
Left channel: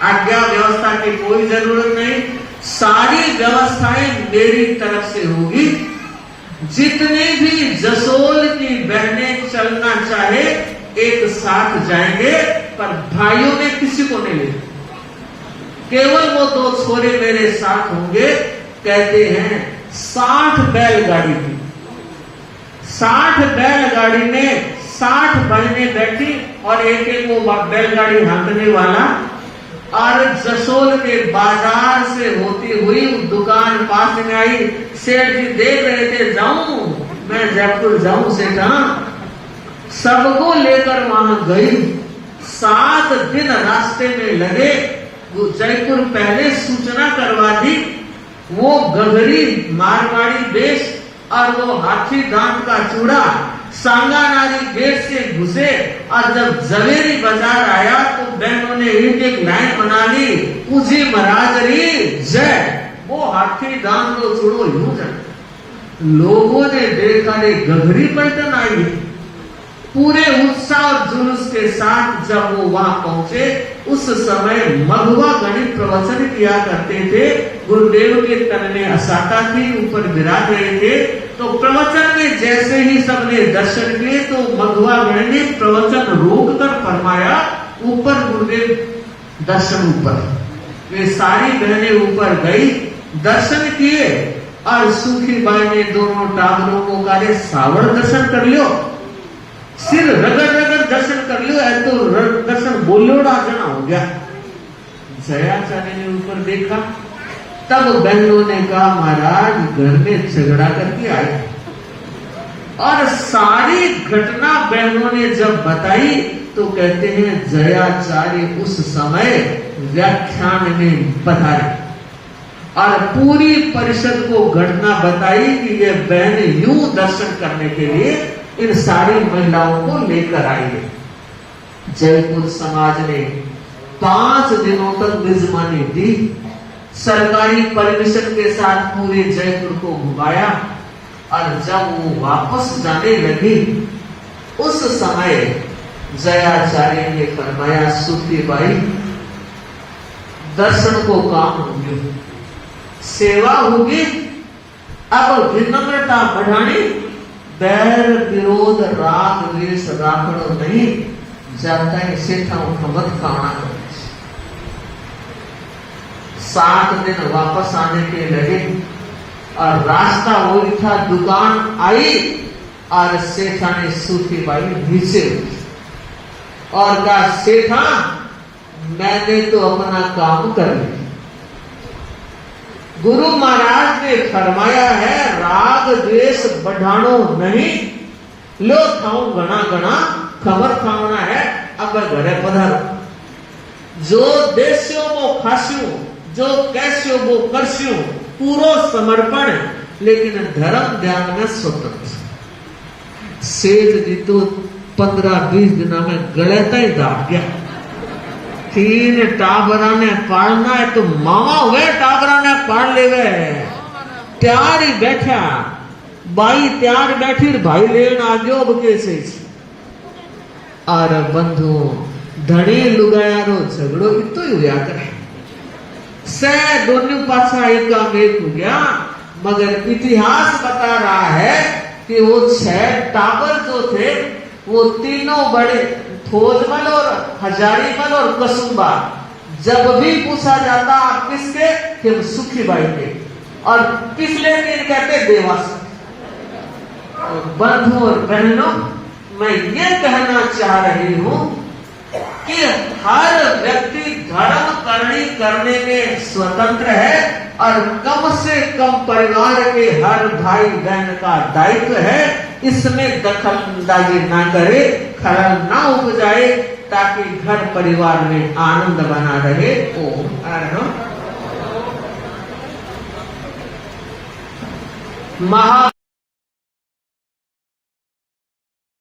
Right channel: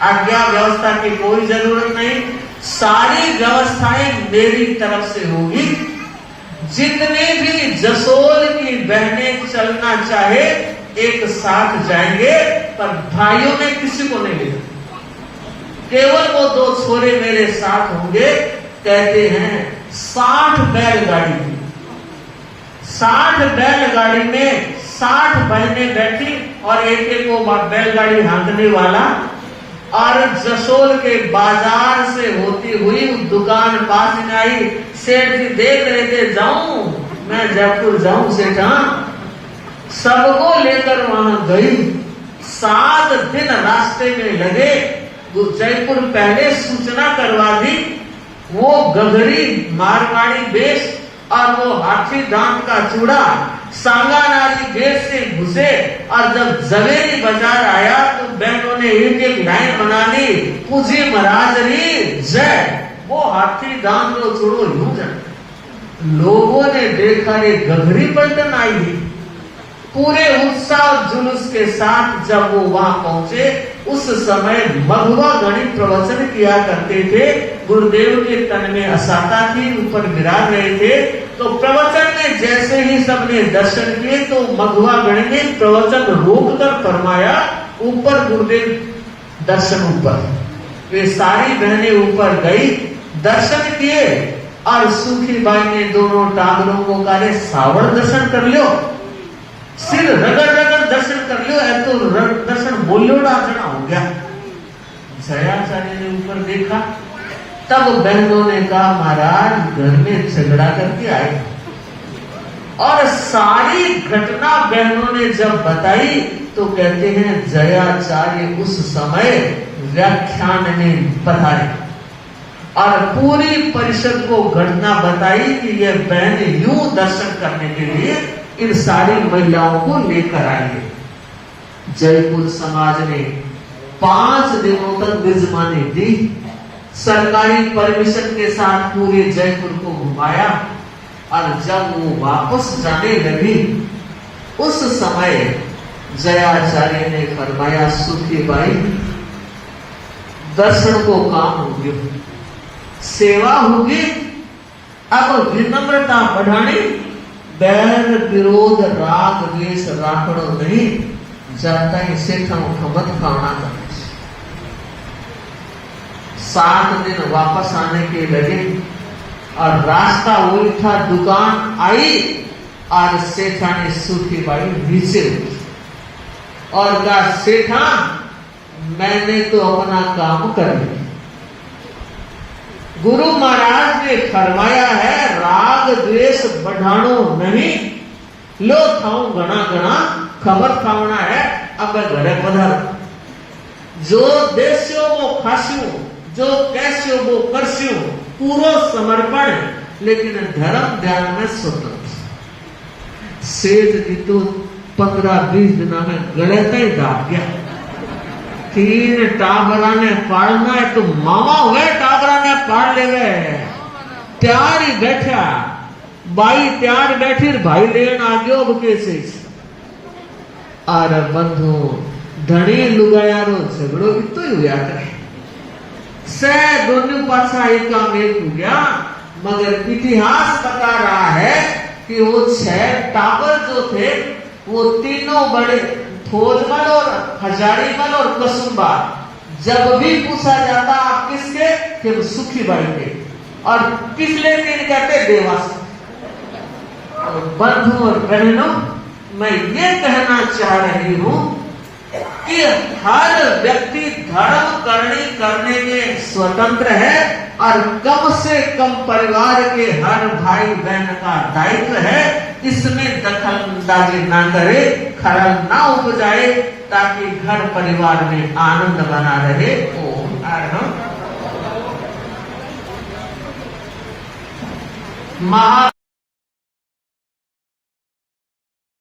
आज्ञा व्यवस्था की कोई जरूरत नहीं, सारी व्यवस्थाएं मेरी तरफ से होगी। जितने भी जसोल की बहनें चलना चाहे एक साथ जाएंगे, पर भाइयों में किसी को नहीं लेना। केवल वो 2 छोरे मेरे साथ होंगे। कहते हैं 60 बैलगाड़ी थी। 60 बैलगाड़ी में 60 बहनें बैठी और एक वो बैलगाड़ी हाँकने वाला। और जसोल के बाजार से होती हुई दुकान पास में आई। सेठ जी देख रहे थे, जाऊं मैं जयपुर जाऊं सेठा। सबको लेकर वहां गई। 7 दिन रास्ते में लगे। वो जयपुर पहले सूचना करवा दी। वो गगरी मारवाड़ी वेश और वो हाथी दांत का चूड़ा सांगानाली गेट से घुसे। और जब जवेरी बाजार आया तो बहनों ने एक लाइन बना ली। पूज्य महाराज रे जय। वो हाथी गांव तो छोड़ो यूं जाए, लोगों ने देखा रे गगरी पलटन आई। पूरे उत्साह जुलूस के साथ जब वो वहां पहुंचे, उस समय मघवा गणित प्रवचन किया करते थे। गुरुदेव के तन में असाका थी, ऊपर विराज रहे थे। तो प्रवचन में जैसे ही सबने दर्शन किए तो मघवा गण ने प्रवचन रोक कर फरमाया, ऊपर गुरुदेव दर्शन ऊपर। वे सारी गणने ऊपर गई, दर्शन किए और सूखी बाई ने दोनों टांगों को कहा सावर दर्शन कर लियो, सिर रगड़ रगड़ दर्शन कर लियो, है तो दर्शन बोलियो ना जना हो गया। जयाचार्य ने ऊपर देखा, तब बहनों ने कहा महाराज घर में झगड़ा करके आए। और सारी घटना बहनों ने जब बताई तो कहते हैं जयाचार्य उस समय व्याख्यान में बताए और पूरी परिषद को घटना बताई कि ये बहनें यूं दर्शन करने के लिए इन सारी महिलाओं को लेकर आई। जयपुर समाज ने 5 दिनों तक विजमानी दी, सरकारी परमिशन के साथ पूरे जयपुर को घुमाया। और जब वो वापस जाने लगी, उस समय जयाचार्य ने फरमाया सुखी बाई दर्शन को काम होगी, सेवा होगी, अब विनम्रता बढ़ानी, बैर विरोध राग द्वेष राखड़ो नहीं, जाता है सेठा खबर खाना। 7 दिन वापस आने के लगे और रास्ता वही था, दुकान आई और सेठा ने सूखी बाई नीचे और कहा सेठा मैंने तो अपना काम कर लिया, गुरु महाराज ने फरमाया है राग द्वेष बढ़ानो नहीं, लो खाऊं गणा गणा खबर खाना है, अब घरे पधारो। जो देस्यो वो खास्यो, जो कैस्यो वो करस्यो, पूरो समर्पण, लेकिन धर्म ध्यान में स्वतंत्र। सेठ जी तो 15-20 दिन में गलत ही दाब गया। 3 टाबरा ने पालना है तो मामा हुए टाबरा ने पाल ले गए। त्यार ही बैठा, बाई त्यार बैठी, भाई लेन आ गयो बकेसे। और बंधु धड़ी लुगायारो झगड़ो इतो ही हुआ करे, से दोनों पासा एक काम एक हो गया। मगर इतिहास बता रहा है कि वो 6 टाबर जो थे वो तीनों बड़े फौजमल और हजारीमल और कसुम्बा, जब भी पूछा जाता आप किसके, कि सुखी बाई के, और पिछले दिन कहते देवास। बंधु और बहनों, मैं ये कहना चाह रही हूं कि हर व्यक्ति धर्म करने में स्वतंत्र है और कम से कम परिवार के हर भाई बहन का दायित्व है इसमें दखलंदाजी ना करे, खलल ना उपजाए, ताकि घर परिवार में आनंद बना रहे। महा